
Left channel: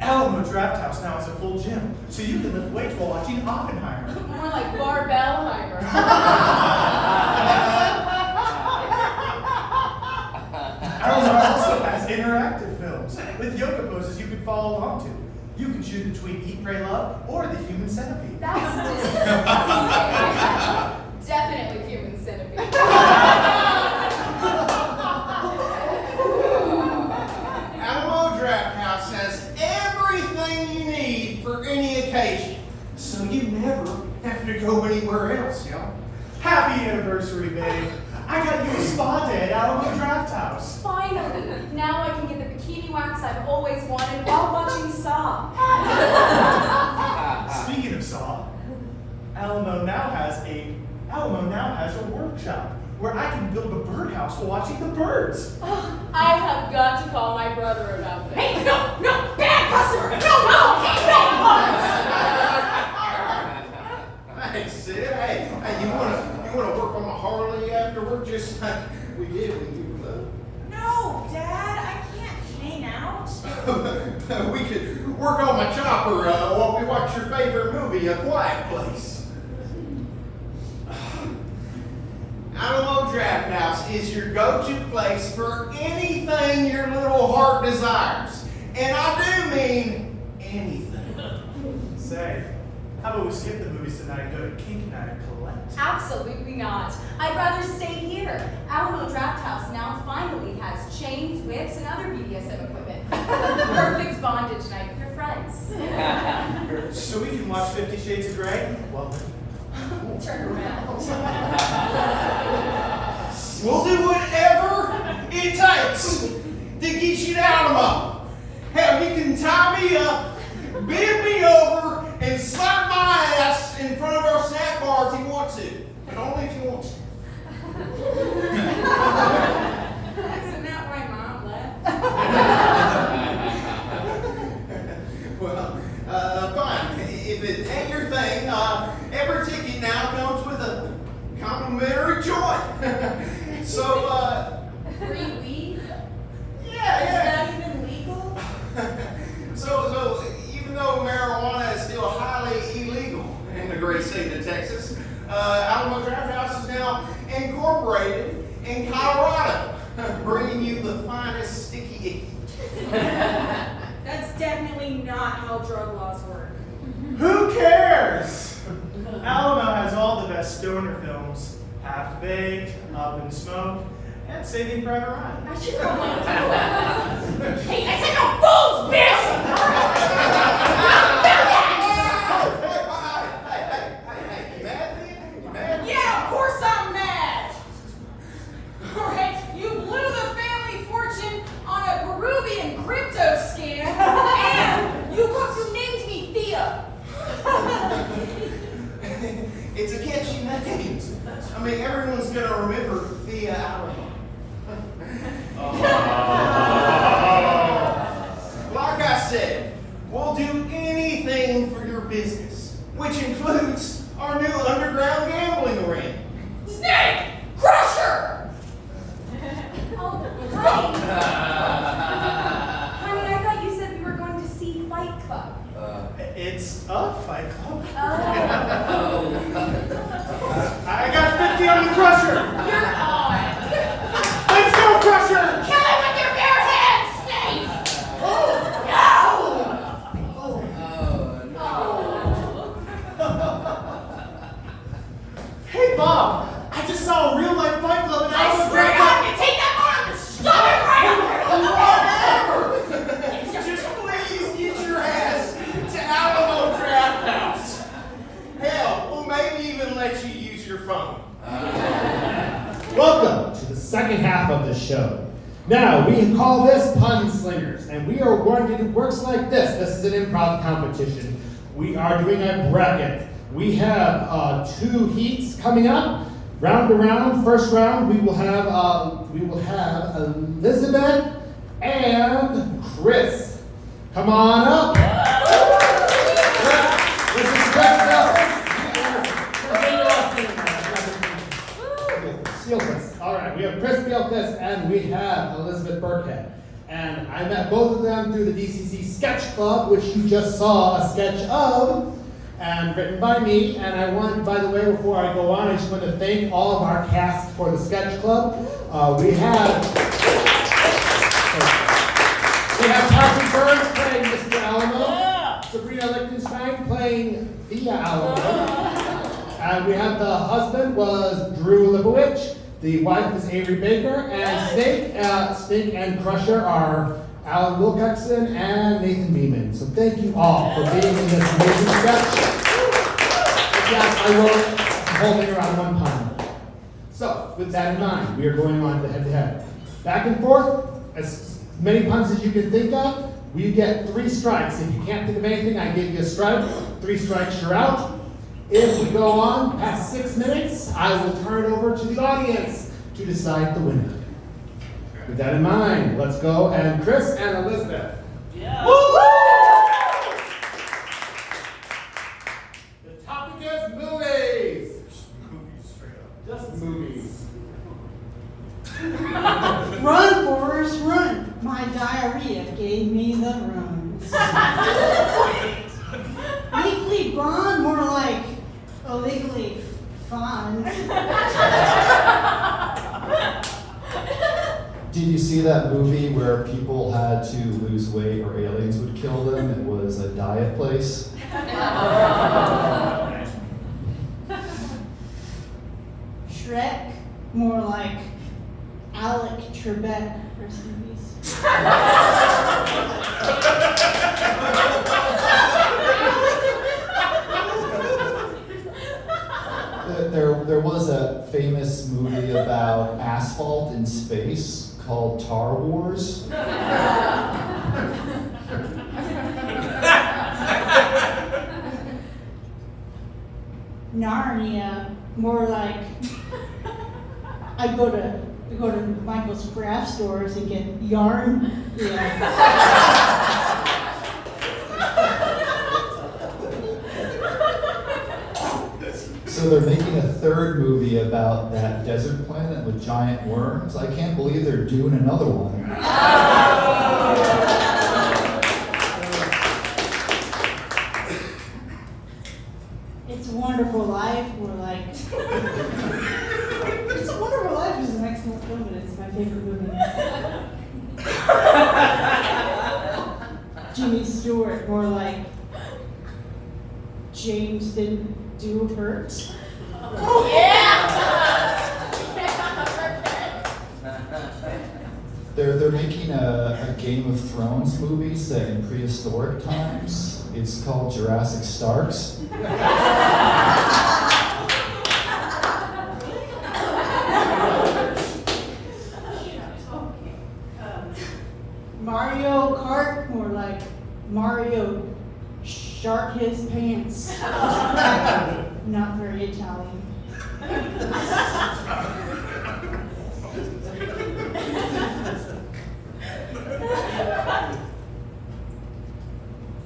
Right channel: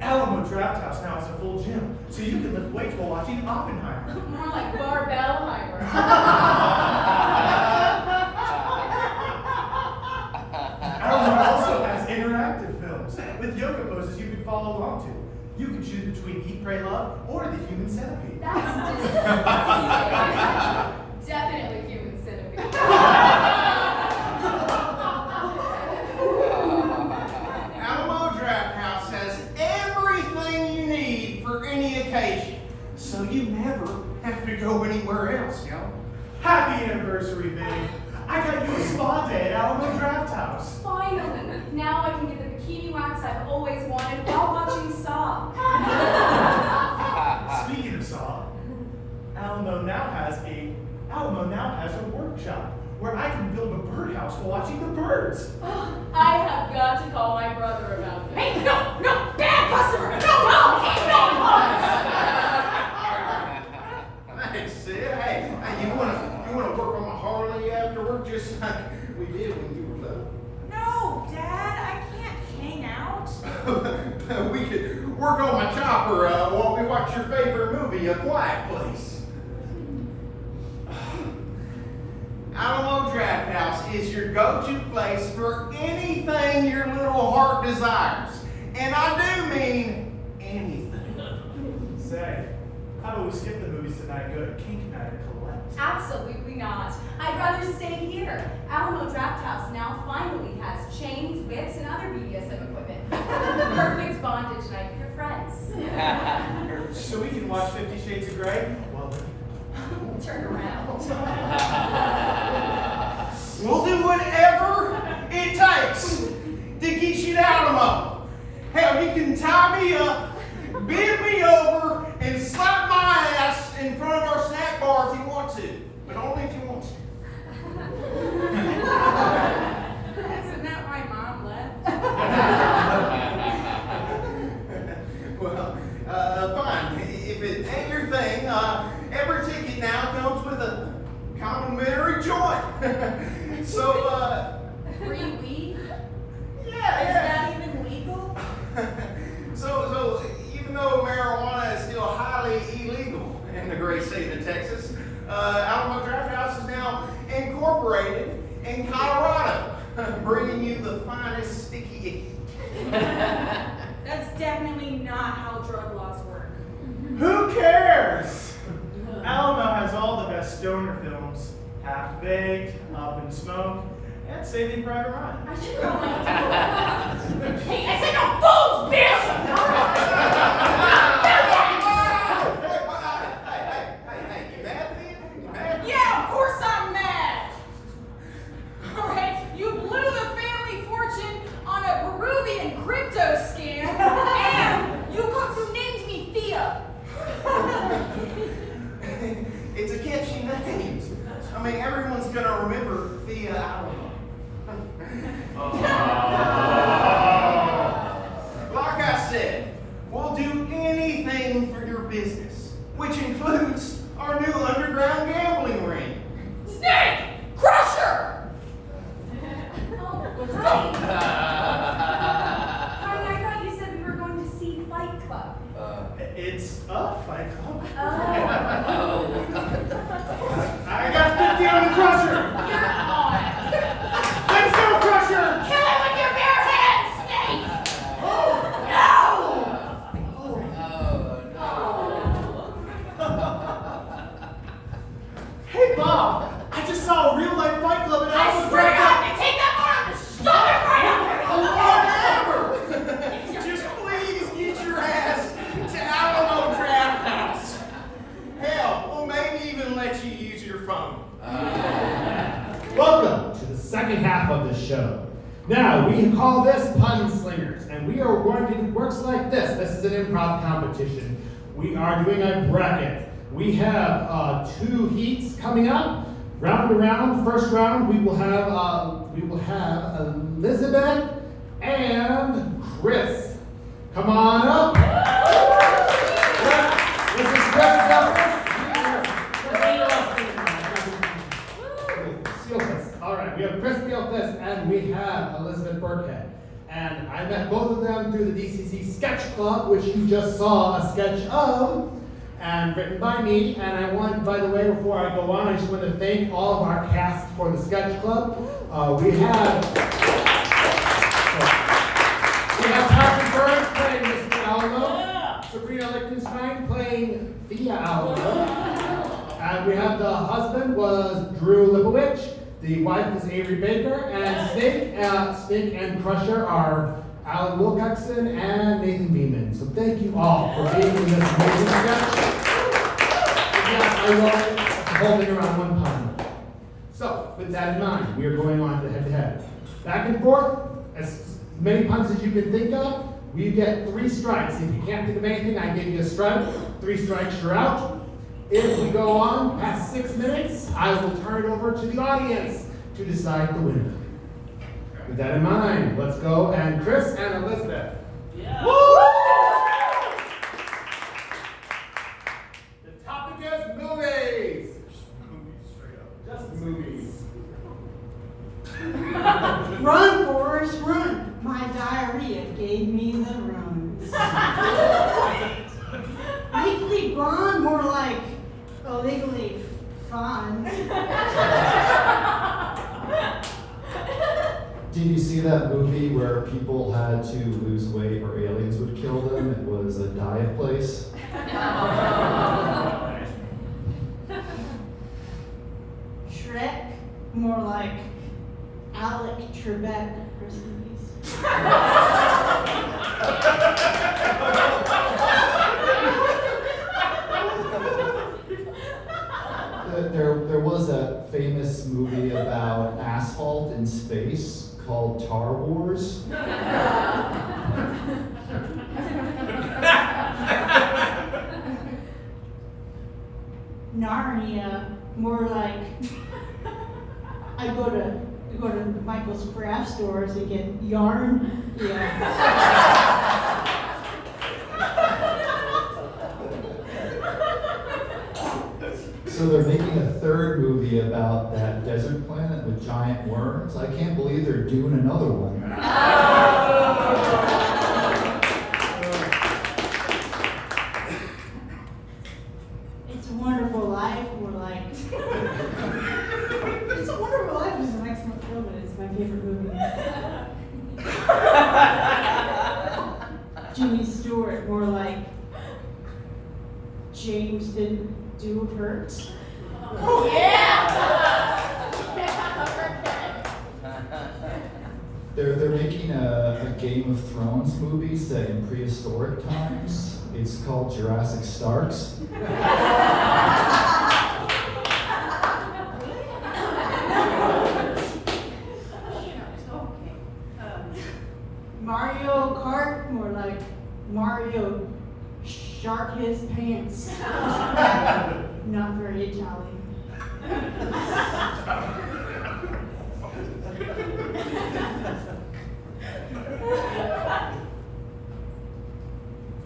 Alamo Draft House now has a full gym, so you can lift weights while watching Oppenheimer. More like Barbellheimer. Alamo also has interactive films with yoga poses you can follow along to. You can choose between Eat, Pray, Love or the Human Centipede. That's disgusting. Definitely human centipede. Alamo Draft House has everything you need for any occasion, so you never have to go anywhere else, y'all. Happy anniversary, babe. I got you a spa day at Alamo Draft House. Finally, now I can get the bikini wax I've always wanted while watching Saw. Speaking of Saw, Alamo now has a workshop where I can build a birdhouse while watching the birds. I have got to call my brother about this. Hey, no, bad customer! Hey, Sid, hey, you wanna work on my Harley after work just like we did when you were little? No, Dad, I can't hang out. We could work on my chopper while we watch your favorite movie, A Quiet Place. Alamo Draft House is your go-to place for anything your little heart desires. And I do mean anything. Say, how about we skip the movies tonight and go to Kink Night at Collect? Absolutely not. I'd rather stay here. Alamo Draft House now finally has chains, whips, and other BDSM equipment. The perfect bondage night with your friends. So we can watch 50 Shades of Grey? Well, Turn around. We'll do whatever it takes to get you to Alamo. Hell, you can tie me up, bend me over, and slap my ass in front of our snack bar if you want to. But only if you want to. Isn't that why Mom left? Well, fine. If it ain't your thing, every ticket now comes with a complimentary joint. So, Free weed? yeah. Is that even legal? So even though marijuana is still highly illegal in the great state of Texas, Alamo Draft House is now incorporated in Colorado, bringing you the finest sticky icky. That's definitely not how drug laws work. who cares? Alamo has all the best stoner films. Half-Baked, Up in Smoke, and Saving Private Ryan. I should probably Hey, I said no fools, bitch! Hey, you mad, man? You mad? Yeah, of course I'm mad! Alright, you blew the family fortune on a Peruvian crypto scam, and you named me Thea! It's a catchy name. I mean, everyone's gonna remember Thea Alamo. Like I said, we'll do anything for your business, which includes our new underground gambling ring. Snake Crusher! Oh, honey. Honey, I thought you said we were going to see Fight Club. It's a Fight Club. Oh. I got 50 on the Crusher. You're on. Let's go, Crusher! Kill it with your bare hands, Snake! Oh, No! hey, Bob! I just saw a real-life Fight Club in I Alamo swear to Draft God, House. I'm gonna take that one and shove it right up there! Just please get your ass to Alamo Draft House. Hell, we'll maybe even let you use your phone. Welcome to the second half of the show. Now, we call this Pun Slingers, and we are going to do works like this. This is an improv competition. We are doing a bracket. We have 2 heats coming up. Round to round, first round, we will have Elizabeth and Chris. Come on up. This is Chris Steelfist. All right, we have Chris Steelfist and we have Elizabeth Burkhead. And I met both of them through the DCC Sketch Club, which you just saw a sketch of, and written by me. And I want, by the way, before I go on, I just want to thank all of our cast for the Sketch Club. We have Patrick Burns playing Mr. Alamo, Sabrina Lichtenstein playing Thea Alamo, and we have the husband was Drew Lipowich, the wife is Avery Baker, and Snake and Crusher are Alan Wilcoxon and Nathan Beeman. So thank you all for being in this amazing sketch. And yes, I wrote holding around one pun. So with that in mind, we are going on to head-to-head. Back and forth, as many puns as you can think of. We get 3 strikes. If you can't think of anything, I give you a strike. 3 strikes, you're out. If we go on past 6 minutes, I will turn it over to the audience to decide the winner. With that in mind, let's go. And Chris and Elizabeth. Yeah. Woo! The topic is movies. Just movies. Run, Forrest, run. My diarrhea gave me the runs. Legally blonde, more like illegally fun. Did you see that movie where people had to lose weight or aliens would kill them? It was A Diet Place. Shrek, more like Alec Trebek. Rest in peace. There was a famous movie about asphalt in space called Tar Wars. Narnia, more like I go to Michael's craft stores and get yarn. Yeah. So they're making a third movie about that desert planet with giant worms. I can't believe they're doing another one. It's a Wonderful Life, we're like It's a Wonderful Life is an excellent film and it's my favorite movie. Jimmy Stewart, more like James didn't do hurt. They're making a Game of Thrones movie set in prehistoric times. It's called Jurassic Starks. Mario Kart, more like Mario shark his pants. Not very Italian.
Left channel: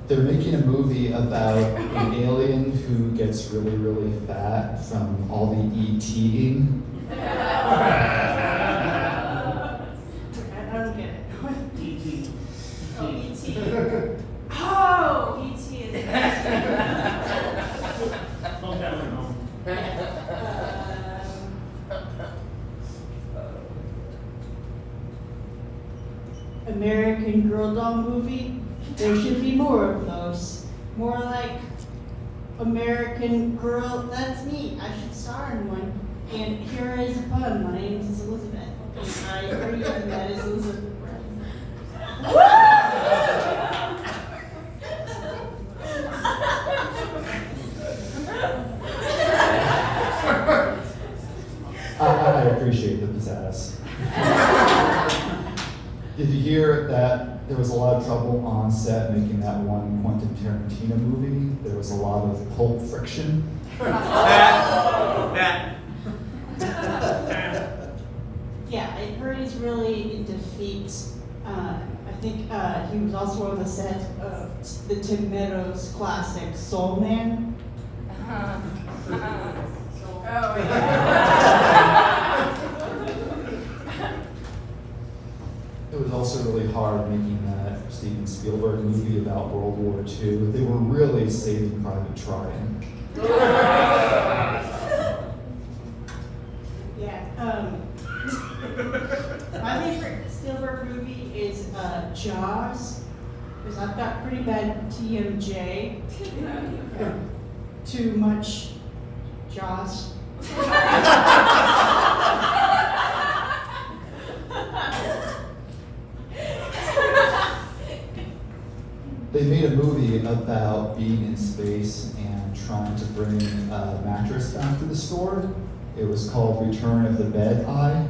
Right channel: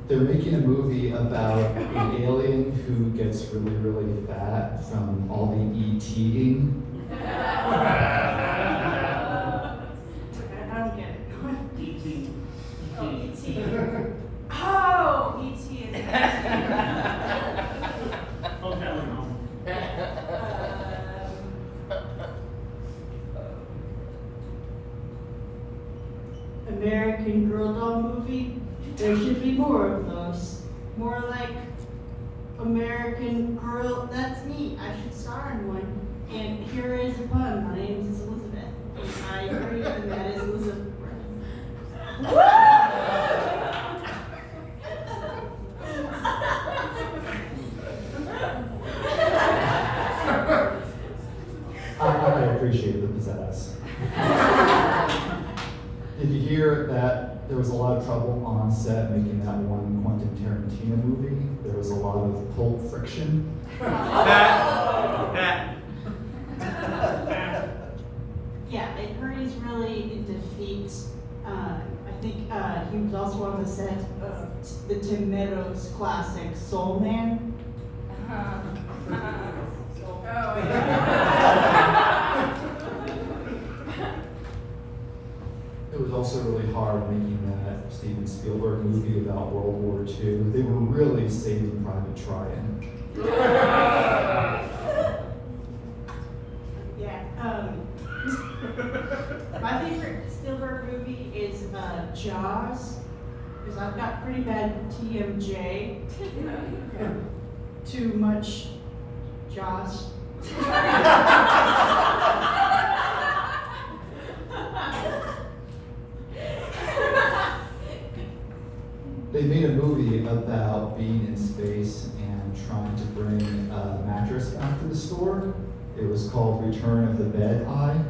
They're making a movie about an alien who gets really, really fat from all the eating. I don't get it. E.T. Oh, E.T. Oh, E.T. is. American Girl doll movie. There should be more of those. More like American Girl. That's me. I should star in one. And here is a pun. My name is Elizabeth. And I agree, and that is Elizabeth. I appreciate the pizzazz. Did you hear that there was a lot of trouble on set making that one Quentin Tarantino movie? There was a lot of pulp friction. Yeah, Murray's really into feet. I think he was also on the set of the Tim Meadows classic Soul Man. It was also really hard making that Steven Spielberg movie about World War II. They were really Saving Private Ryan. Yeah. My favorite Spielberg movie is Jaws, because I've got pretty bad TMJ. Too much Jaws. They made a movie about being in space and trying to bring a mattress back to the store. It was called Return of the Bed Eye.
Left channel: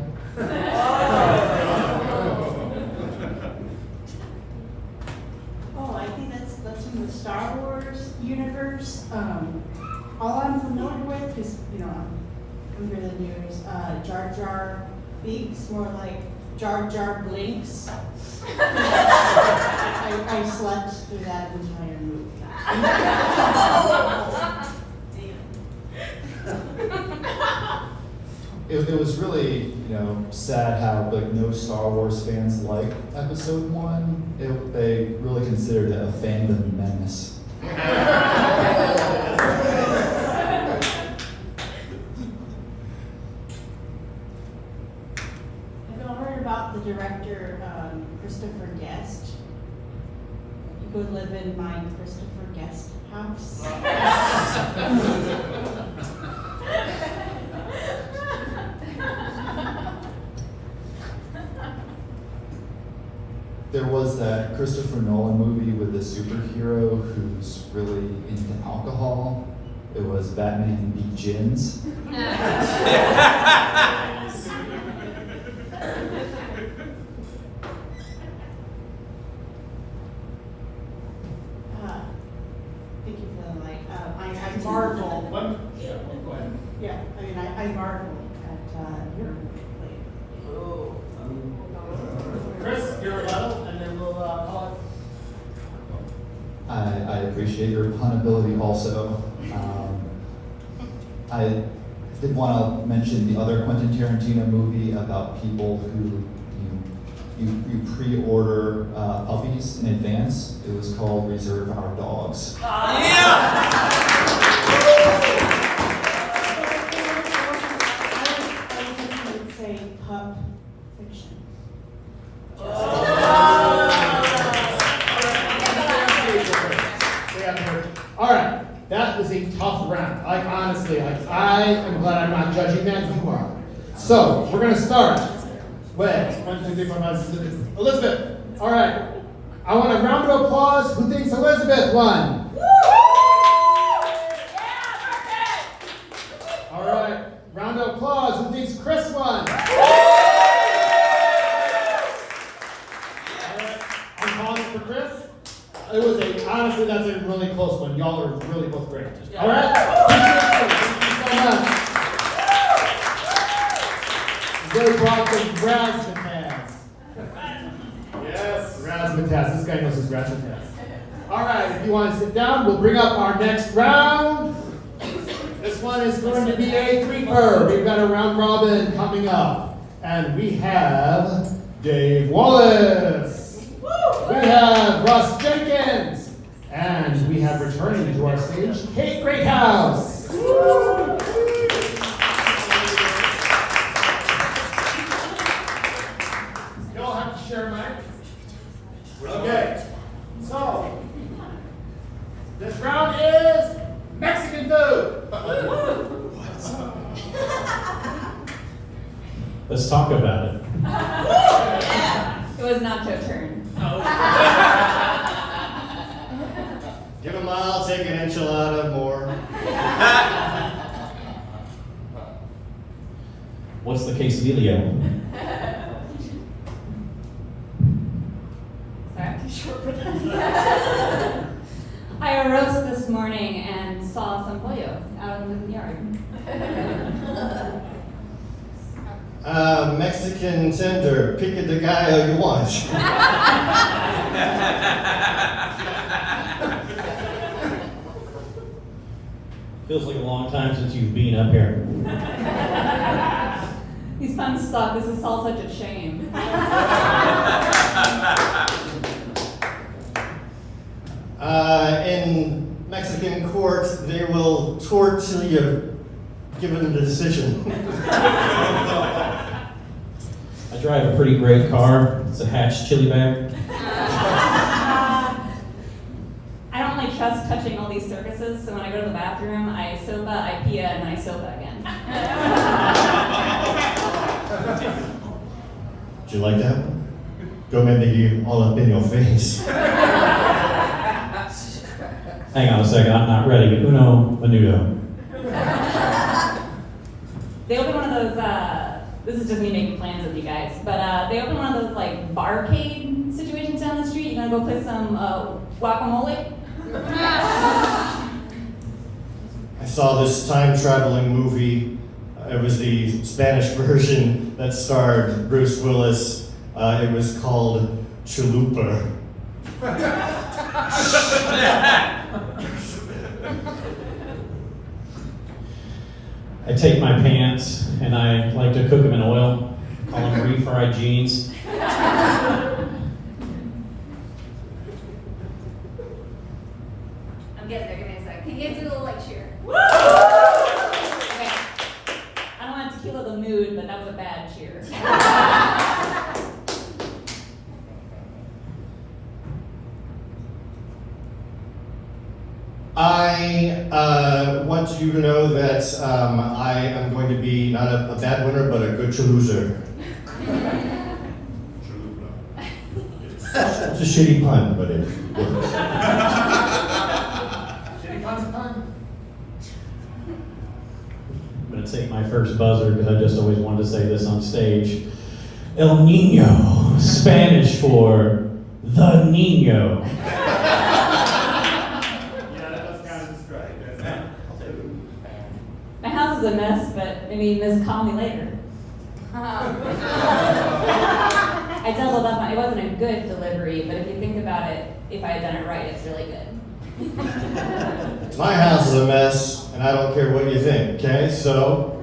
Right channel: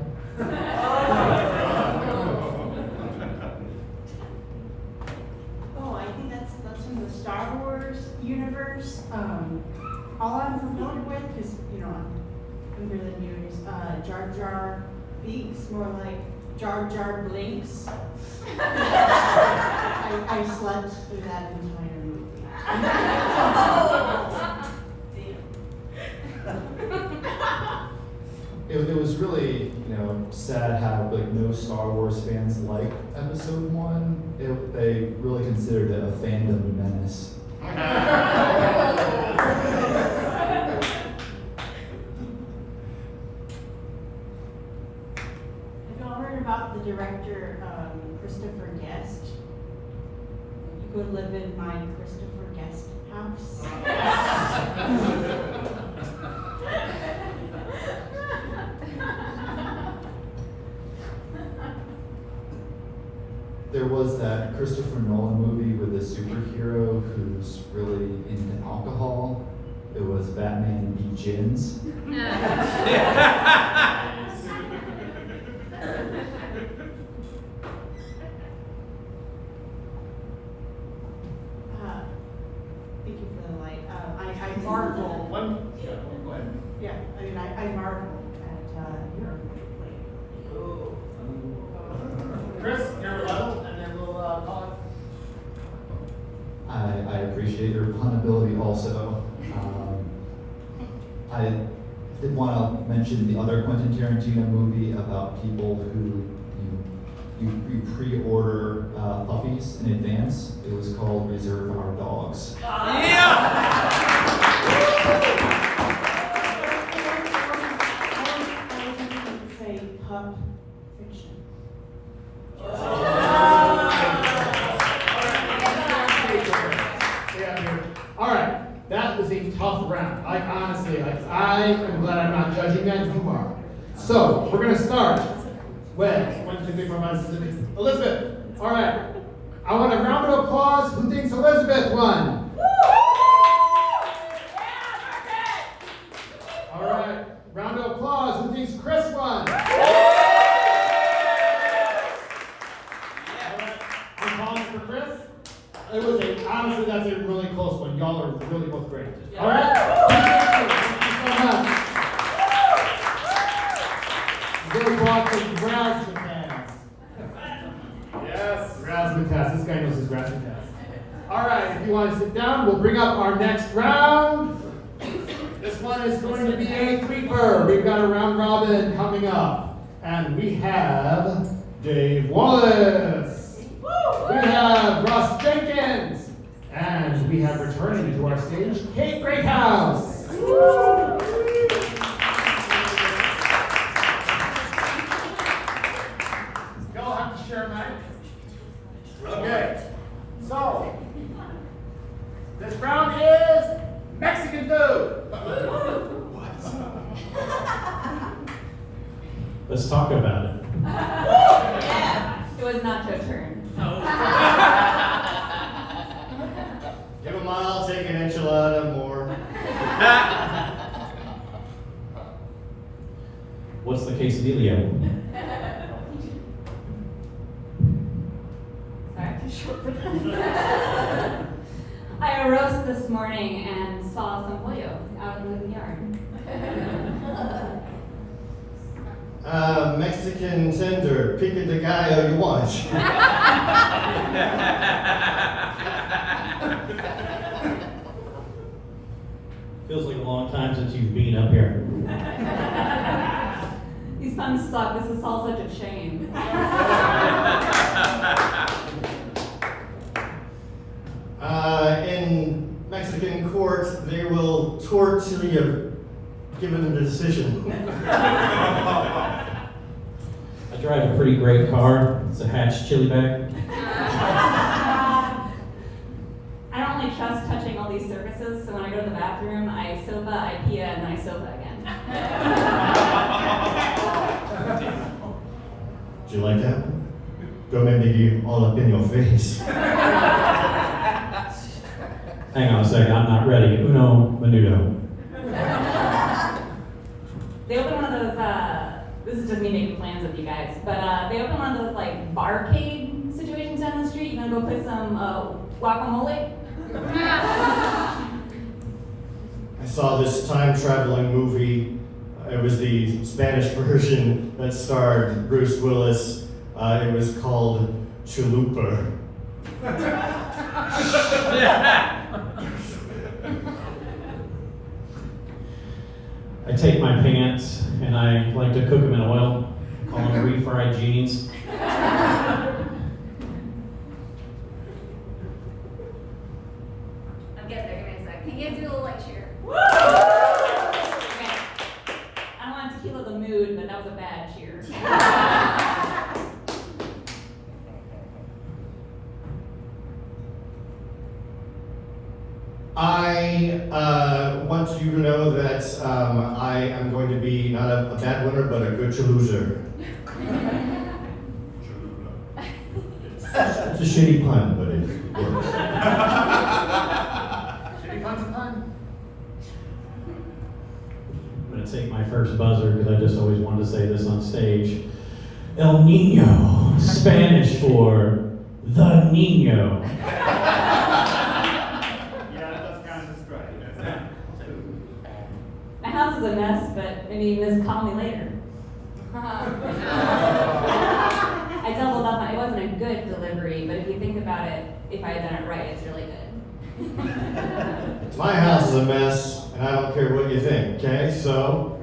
Oh, I think that's in the Star Wars universe. All I'm familiar with, because I'm really new, is Jar Jar Binks, more like Jar Jar Blinks. I slept through that entire movie. It was really, sad how no Star Wars fans liked Episode 1. They really considered it a fandom menace. Have y'all heard about the director Christopher Guest? You could live in my Christopher guest house. There was that Christopher Nolan movie with a superhero who's really into alcohol. It was Batman Begins. Thank you for the light. I marvel. Go ahead. Yeah, I mean, I marvel at your light. Chris, your rebuttal, and then we'll call it. I appreciate your vulnerability also. I did want to mention the other Quentin Tarantino movie about people who you pre-order puppies in advance. It was called Reserve Our Dogs. I would say pup fiction. All right, that was a tough round. Like honestly, I am glad I'm not judging that. You are. So we're gonna start with 1, 2, 3, 4, 5, 6, 7, 8. Elizabeth. All right. I want a round of applause. Who thinks Elizabeth won? All right. Round of applause. Who thinks Chris won? All right. I'm calling for Chris. It was honestly, that's a really close one. Y'all are really both great. All right? Thank you so much. Very broad thing, razzmatazz. Yes. Razzmatazz. This guy knows his razzmatazz. All right, if you want to sit down, we'll bring up our next round. This one is going to be a threefer. We've got a round robin coming up. And we have Dave Wallace. We have Russ Jenkins. And we have returning to our stage, Kate Greathouse. Y'all have to share a mic. Okay. So, this round is Mexican food. Let's talk about it. It was nacho turn. Give a mile, take an enchilada, more. What's the quesadilla? Sorry, I'm too short for that. I arose this morning and saw some pollo out in the yard. Mexican tender, pica de gallo you want. Feels like a long time since you've been up here. These puns suck. This is all such a shame. In Mexican court, they will tortilla given the decision. I drive a pretty great car. It's a hatch chili bag. I don't really trust touching all these surfaces, so when I go to the bathroom, I sopa, I pia, and I sopa again. Do you like that? Go make me all up in your face. Hang on a second, I'm not ready. Uno, menudo. They open one of those, this is just me making plans with you guys, but they open one of those like barcade situations down the street. You gonna go play some guacamole? I saw this time-traveling movie. It was the Spanish version that starred Bruce Willis. It was called Chalupa. I take my pants and I like to cook them in oil. Call them refried jeans. I'm getting there, give me a sec. Can you guys do a little like cheer? Okay. I don't want to tequila the mood, but that was a bad cheer. want you to know that I am going to be not a bad winner, but a good loser. It's a shitty pun, but it works. Shitty pun's a pun. I'm going to take my first buzzer because I just always wanted to say this on stage. El Nino, Spanish for the Nino. My house is a mess, but I mean, this call me later. I doubled up on it. Wasn't a good delivery, but if you think about it, if I had done it right, it's really good. My house is a mess, and I don't care what you think, okay? So,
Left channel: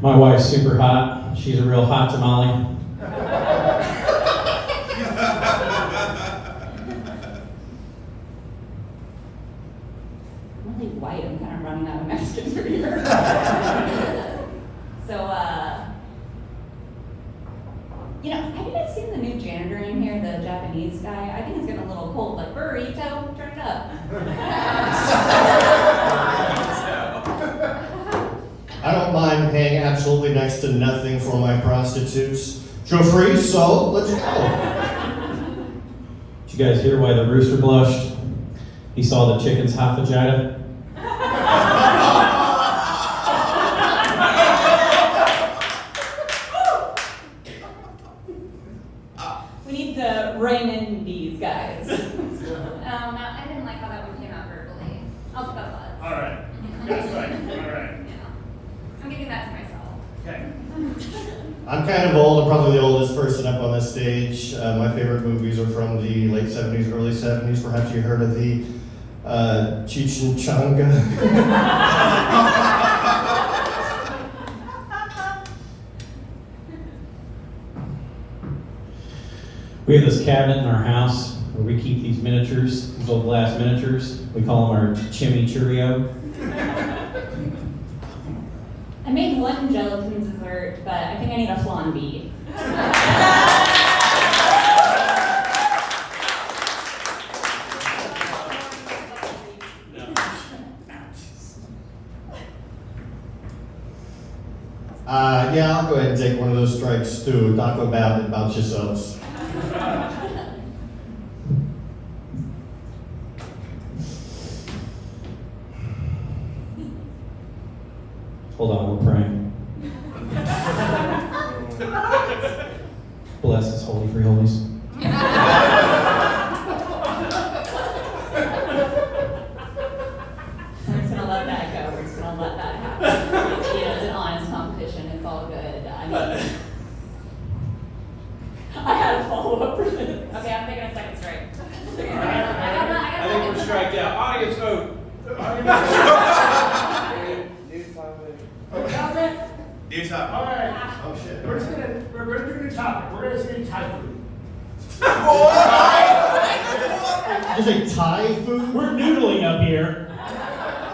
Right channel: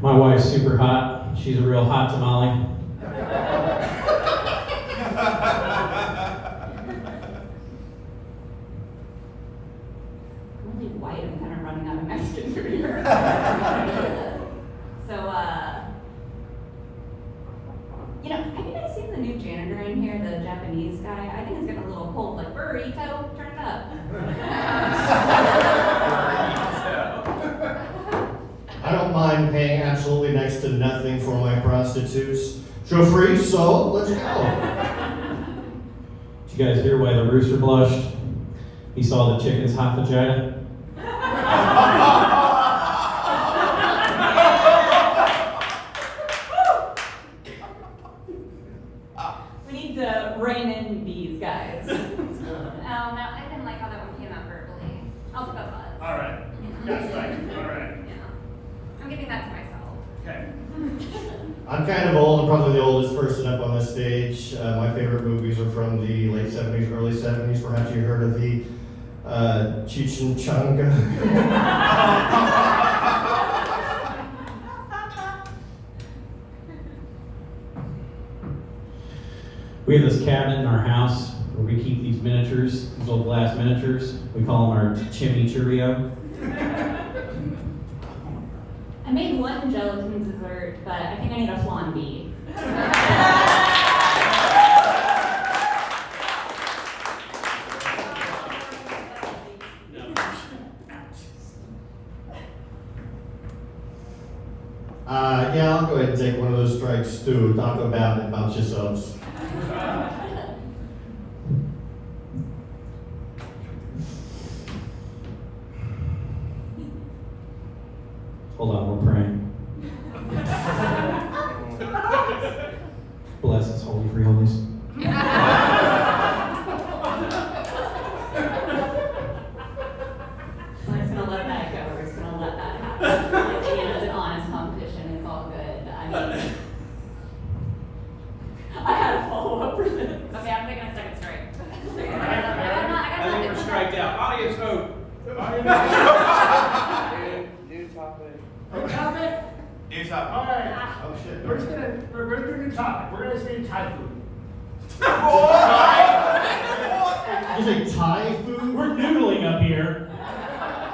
My wife's super hot. She's a real hot tamale. I'm really white. I'm kind of running out of Mexican for here. So, you know, have you guys seen the new janitor in here, the Japanese guy? I think it's getting a little cold. Like, burrito, turn it up. I don't mind paying absolutely next to nothing for my prostitutes. Show free, so let's go. Did you guys hear why the rooster blushed? He saw the chicken's hot vagina. We need to rein in these guys. No, I didn't like how that one came out verbally. I'll put up buzz. All right. That's fine. All right. Yeah. I'm giving that to myself. Okay. I'm kind of old. I'm probably the oldest person up on this stage. My favorite movies are from the late 70s, early 70s. Perhaps you heard of the Cheech and Chong. We have this cabinet in our house where we keep these miniatures, these old glass miniatures. We call them our chimichurrio. I made one gelatin dessert, but I think I need a flan bee. Yeah, I'll go ahead and take one of those strikes too. Talk about it, bounce yourselves. Hold on, we're praying. Bless us, holy free holies. We're just gonna let that go. We're just gonna let that happen. You know, it's an honest competition. It's all good. I mean, I had a follow-up for this. Okay, I'm taking a second strike. I think we're striked out. Audience vote. New topic. All right. Oh shit. We're gonna do a new topic. We're gonna say Thai food. Is it Thai food? We're noodling up here.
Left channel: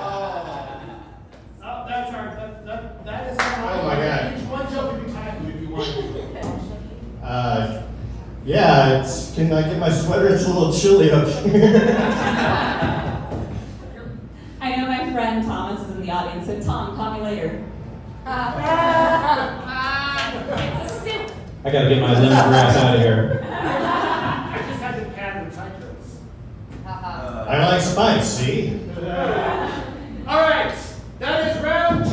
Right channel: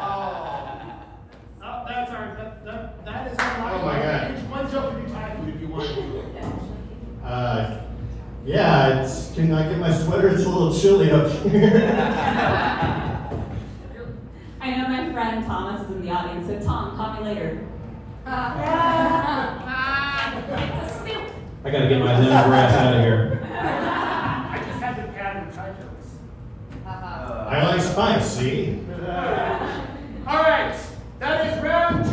Oh, that's our, that is our. Oh my God. Each one's open to Thai food if you want to. Yeah, can I get my sweater? It's a little chilly up here. I know my friend Thomas is in the audience, so Tom, call me later. It's a soup. I gotta get my lemongrass out of here. I just had to add the Thai jokes. I don't like spice, see? All right, that is round 2.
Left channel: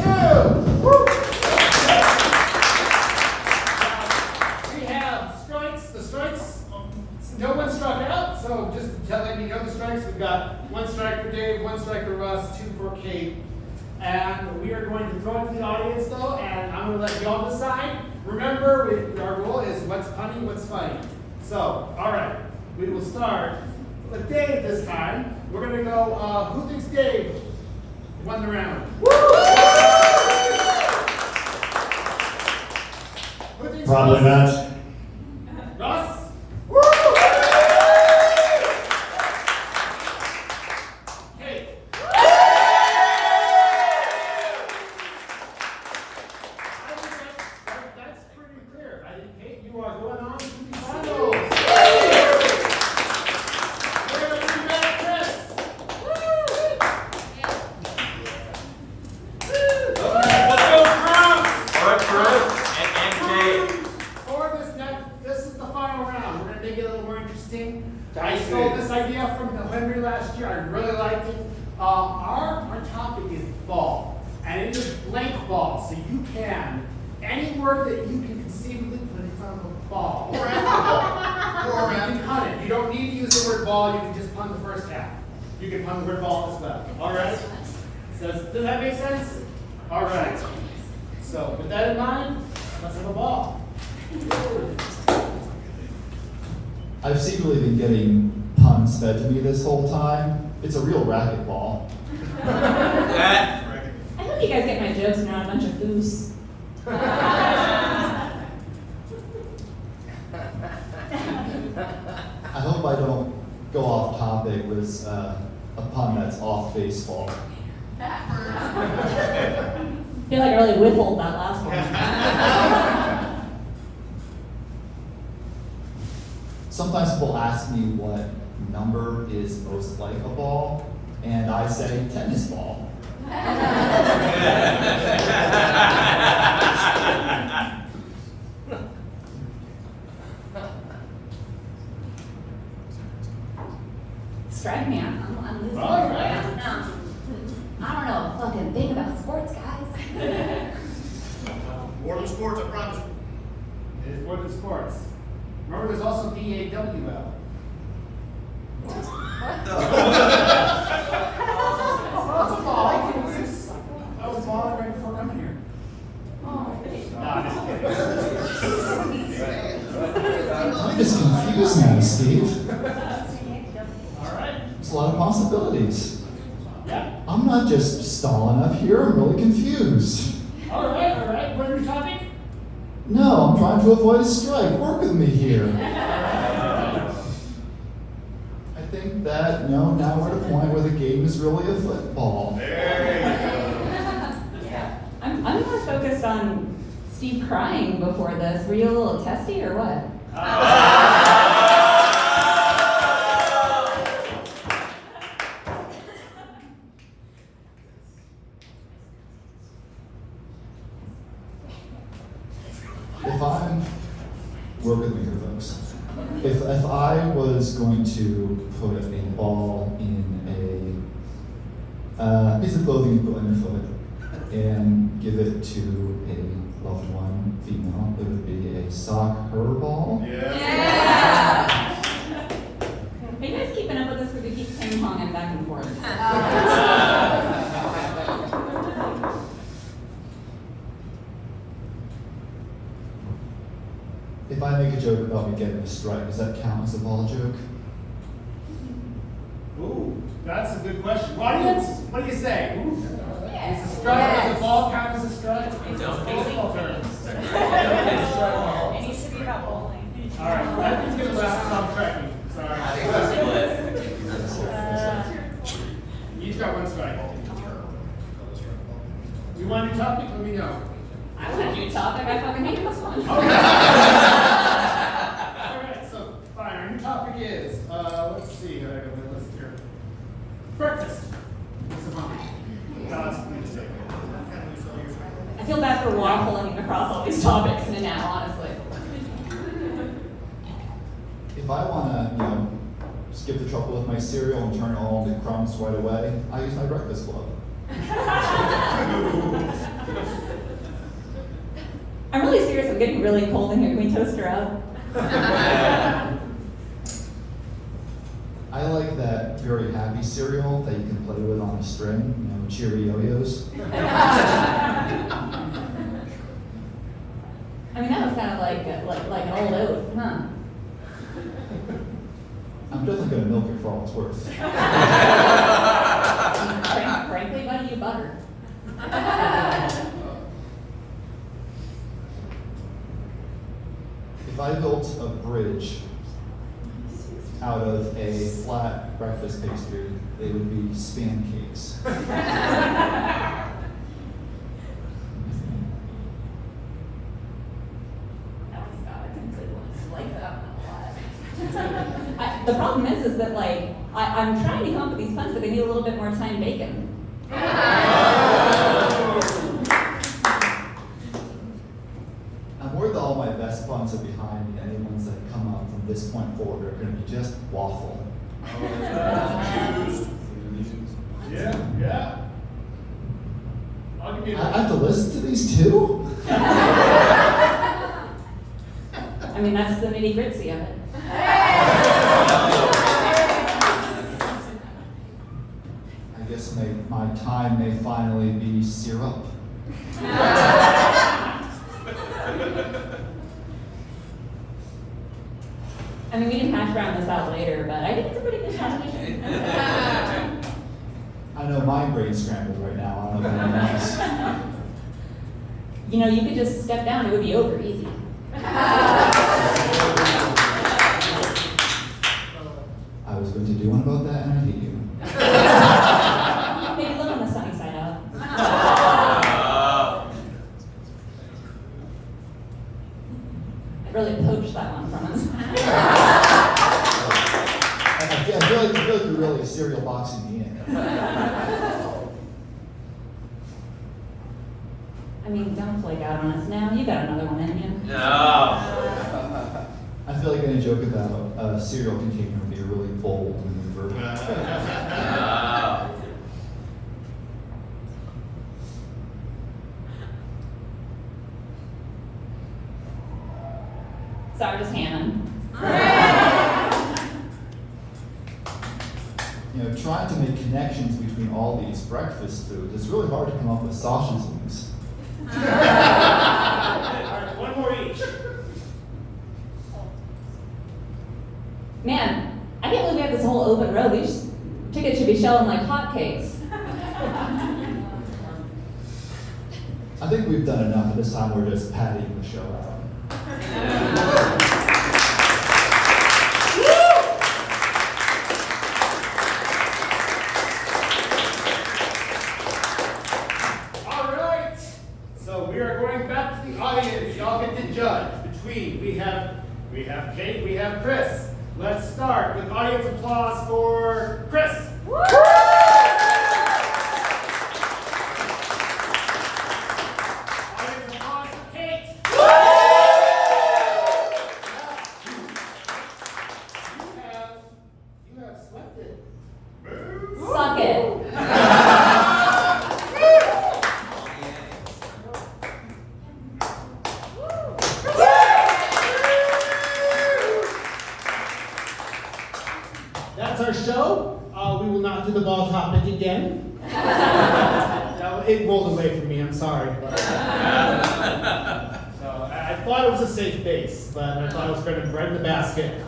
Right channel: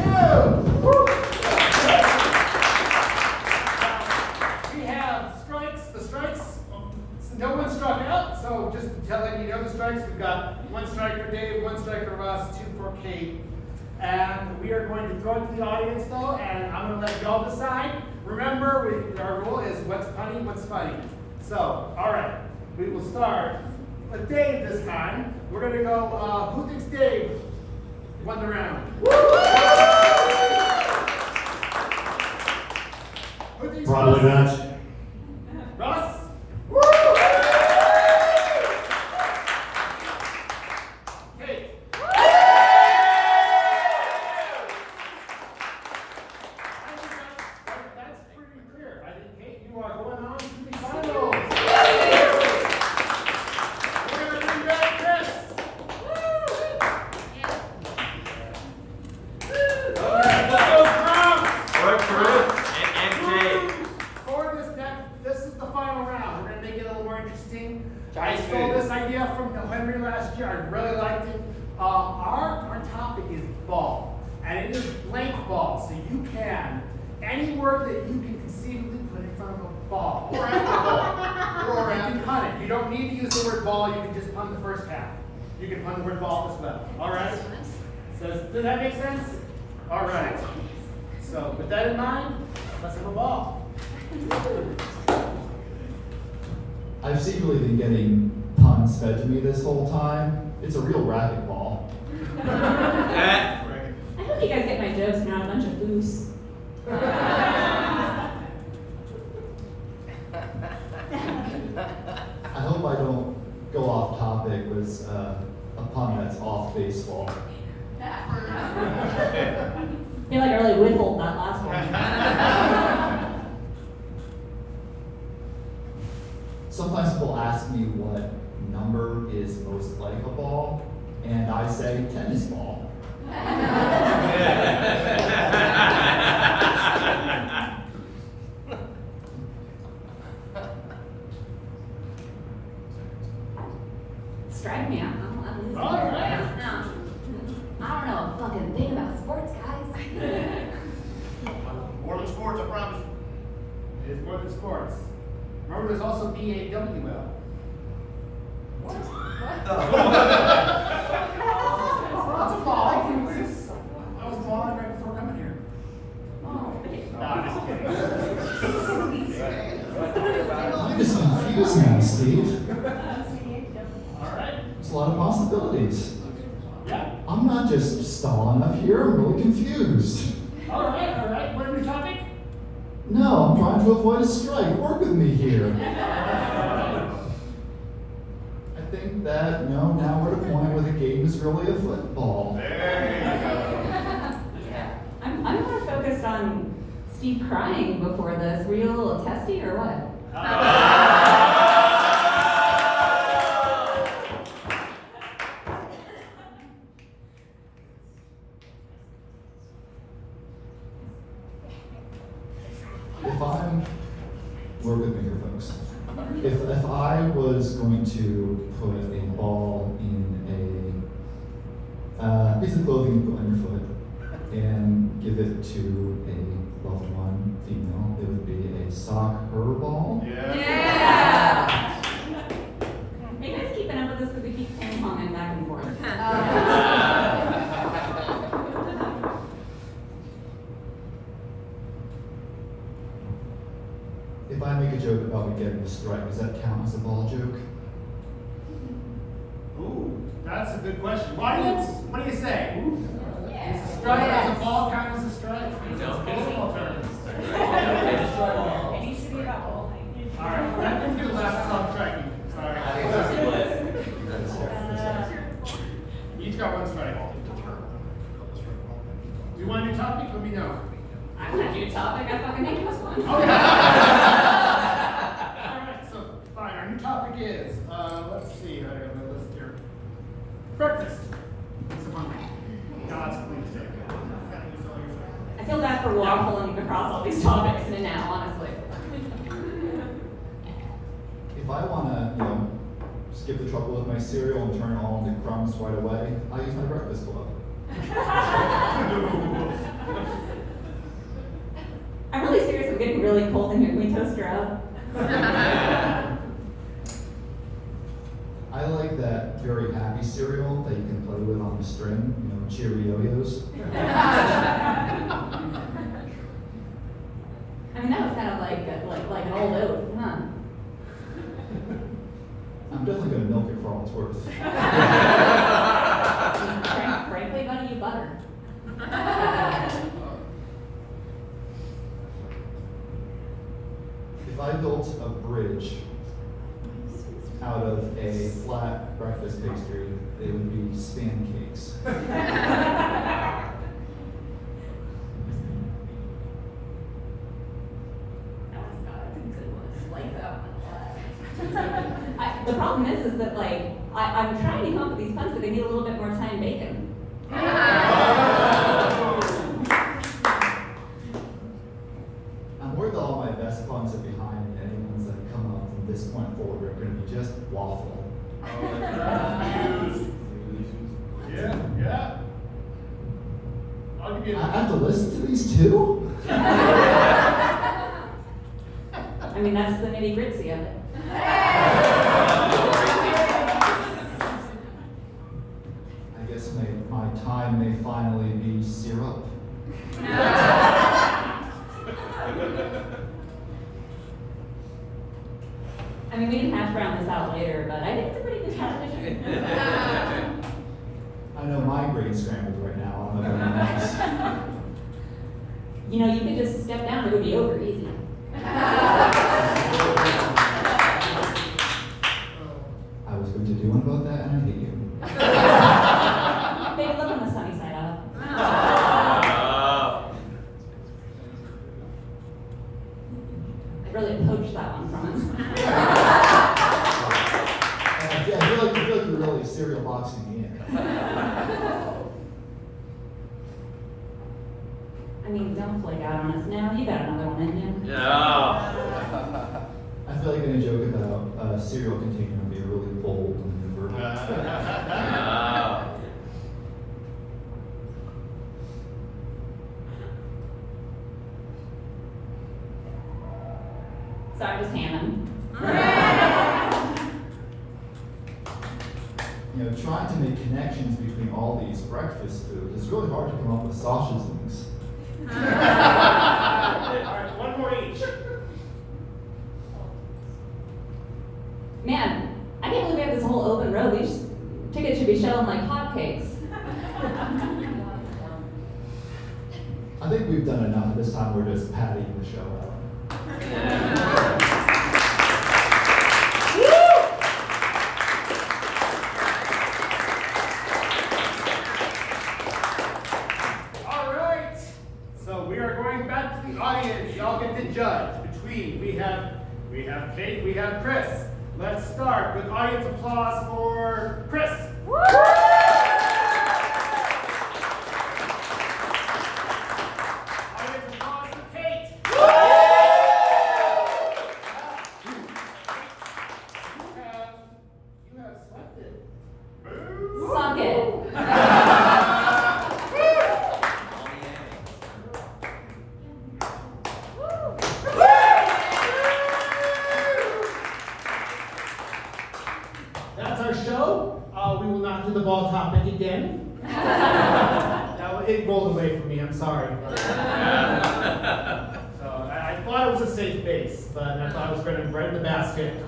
We have strikes. The strikes, no one struck out, so just to let you know the strikes, we've got 1 strike for Dave, 1 strike for Russ, 2 for Kate. And we are going to throw it to the audience though, and I'm going to let y'all decide. Remember, our rule is what's punny, what's funny. So, all right, we will start with Dave this time. We're going to go, who thinks Dave won the round? Who thinks Probably Russ? not. Russ? Kate? That's pretty clear. I think, Kate, you are going on to the finals. Very Our topic is ball, and it is blank ball, so you can, any word that you can conceivably put in front of a ball. Or after the ball. Or You after. can pun it. You don't need to use the word ball, you can just pun the first half. You can pun the word ball as well, all right? So, does that make sense? All right. So, with that in mind, let's have a ball. I've secretly been getting puns fed to me this whole time. It's a real racquetball. I hope you guys get my jokes and not a bunch of foos. I hope I don't go off topic with a pun that's off baseball. I feel like I really whiffled that last one. Sometimes people ask me what number is most like a ball, and I say tennis ball. Strike me out. I'm losing. All right. No. I don't know a fucking thing about sports, guys. More than sports, I promise you. It is more than sports. Remember, there's also DAWL. What? Oh, it's a ball. I was balling right before coming here. Nah, I'm just kidding. I'm just confused now, Steve. All right. There's a lot of possibilities. Yeah. I'm not just stalling up here, I'm really confused. All right, all right. What is your topic? No, I'm trying to avoid a strike. Work with me here. I think that, now we're at a point where the game is really a football. I'm more focused on Steve crying before this. Were you a little testy or what? Work with me here, folks. If I was going to put a ball in a piece of clothing you put on your foot and give it to a loved one, female, it would be a sock her ball. Yeah. Are you guys keeping up with this? Because we keep ping-ponging back and forth. If I make a joke about me getting a strike, does that count as a ball joke? Ooh, that's a good question. What do you say? Ooh. Yes. Is a strike, does a ball count as a strike? Baseball terms. It needs to be about bowling. All right, that brings me to stop tracking. Sorry. Each got one strike. You want a new topic? Let me know. I want a new topic. I fucking hate this one. Okay. All right, so fine. Our new topic is, let's see, I got my list here. Breakfast. God's please. I feel bad for waffling across all these topics now, honestly. If I want to, skip the trouble with my cereal and turn it all into crumbs right away, I use my breakfast club. I'm really serious. I'm getting really cold in here. Can we toast her up? I like that very happy cereal that you can play with on a string, Cheerios. I mean, that was kind of like an old oat, huh? I'm definitely going to milk it for all it's worth. Frankly, buddy, you butter. If I built a bridge out of a flat breakfast pastry, they would be span cakes. Oh my God, that's a good one. I like that one a lot. The problem is that I'm trying to come up with these puns, but they need a little bit more time baking. I'm worried that all my best puns are behind me. Any ones that come up from this point forward are going to be just waffle. Yeah. I'll give you I have to listen to these two? I mean, that's the nitty gritty of it. I guess my time may finally be syrup. I mean, we can hash around this out later, but I think it's a pretty good competition. I know my brain's scrambled right now. I don't know about anyone else. You know, you could just step down, it would be over easy. I was going to do one about that, and I hate you. Maybe look on the sunny side up. I really poached that one from us. I feel like you're really cereal boxing me in. I mean, don't flake out on us now. You got another one in you. No. I feel like any joke about a cereal container would be really bold and verbal. No. Sorry, just Hannah. You know, trying to make connections between all these breakfast foods, it's really hard to come up with sausage links. Alright, one more each. Man, I can't believe we have this whole open road. These tickets should be shelling like hotcakes. I think we've done enough at this time. We're just padding the show out. All right. So we are going back to the audience. Y'all get to judge between. We have Kate, we have Chris. Let's start with audience applause for Chris. Audience applause for Kate. You have swept it. Suck it. That's our show. We will not do the ball topic again. It rolled away from me, I'm sorry. So I thought it was a safe base, but I thought I was going to bread the basket.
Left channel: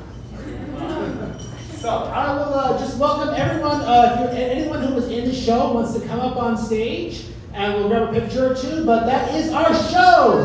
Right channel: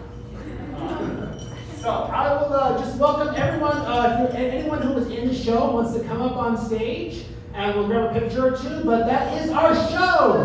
So I will just welcome everyone. Anyone who was in the show wants to come up on stage, and we'll grab a picture or two, but that is our show.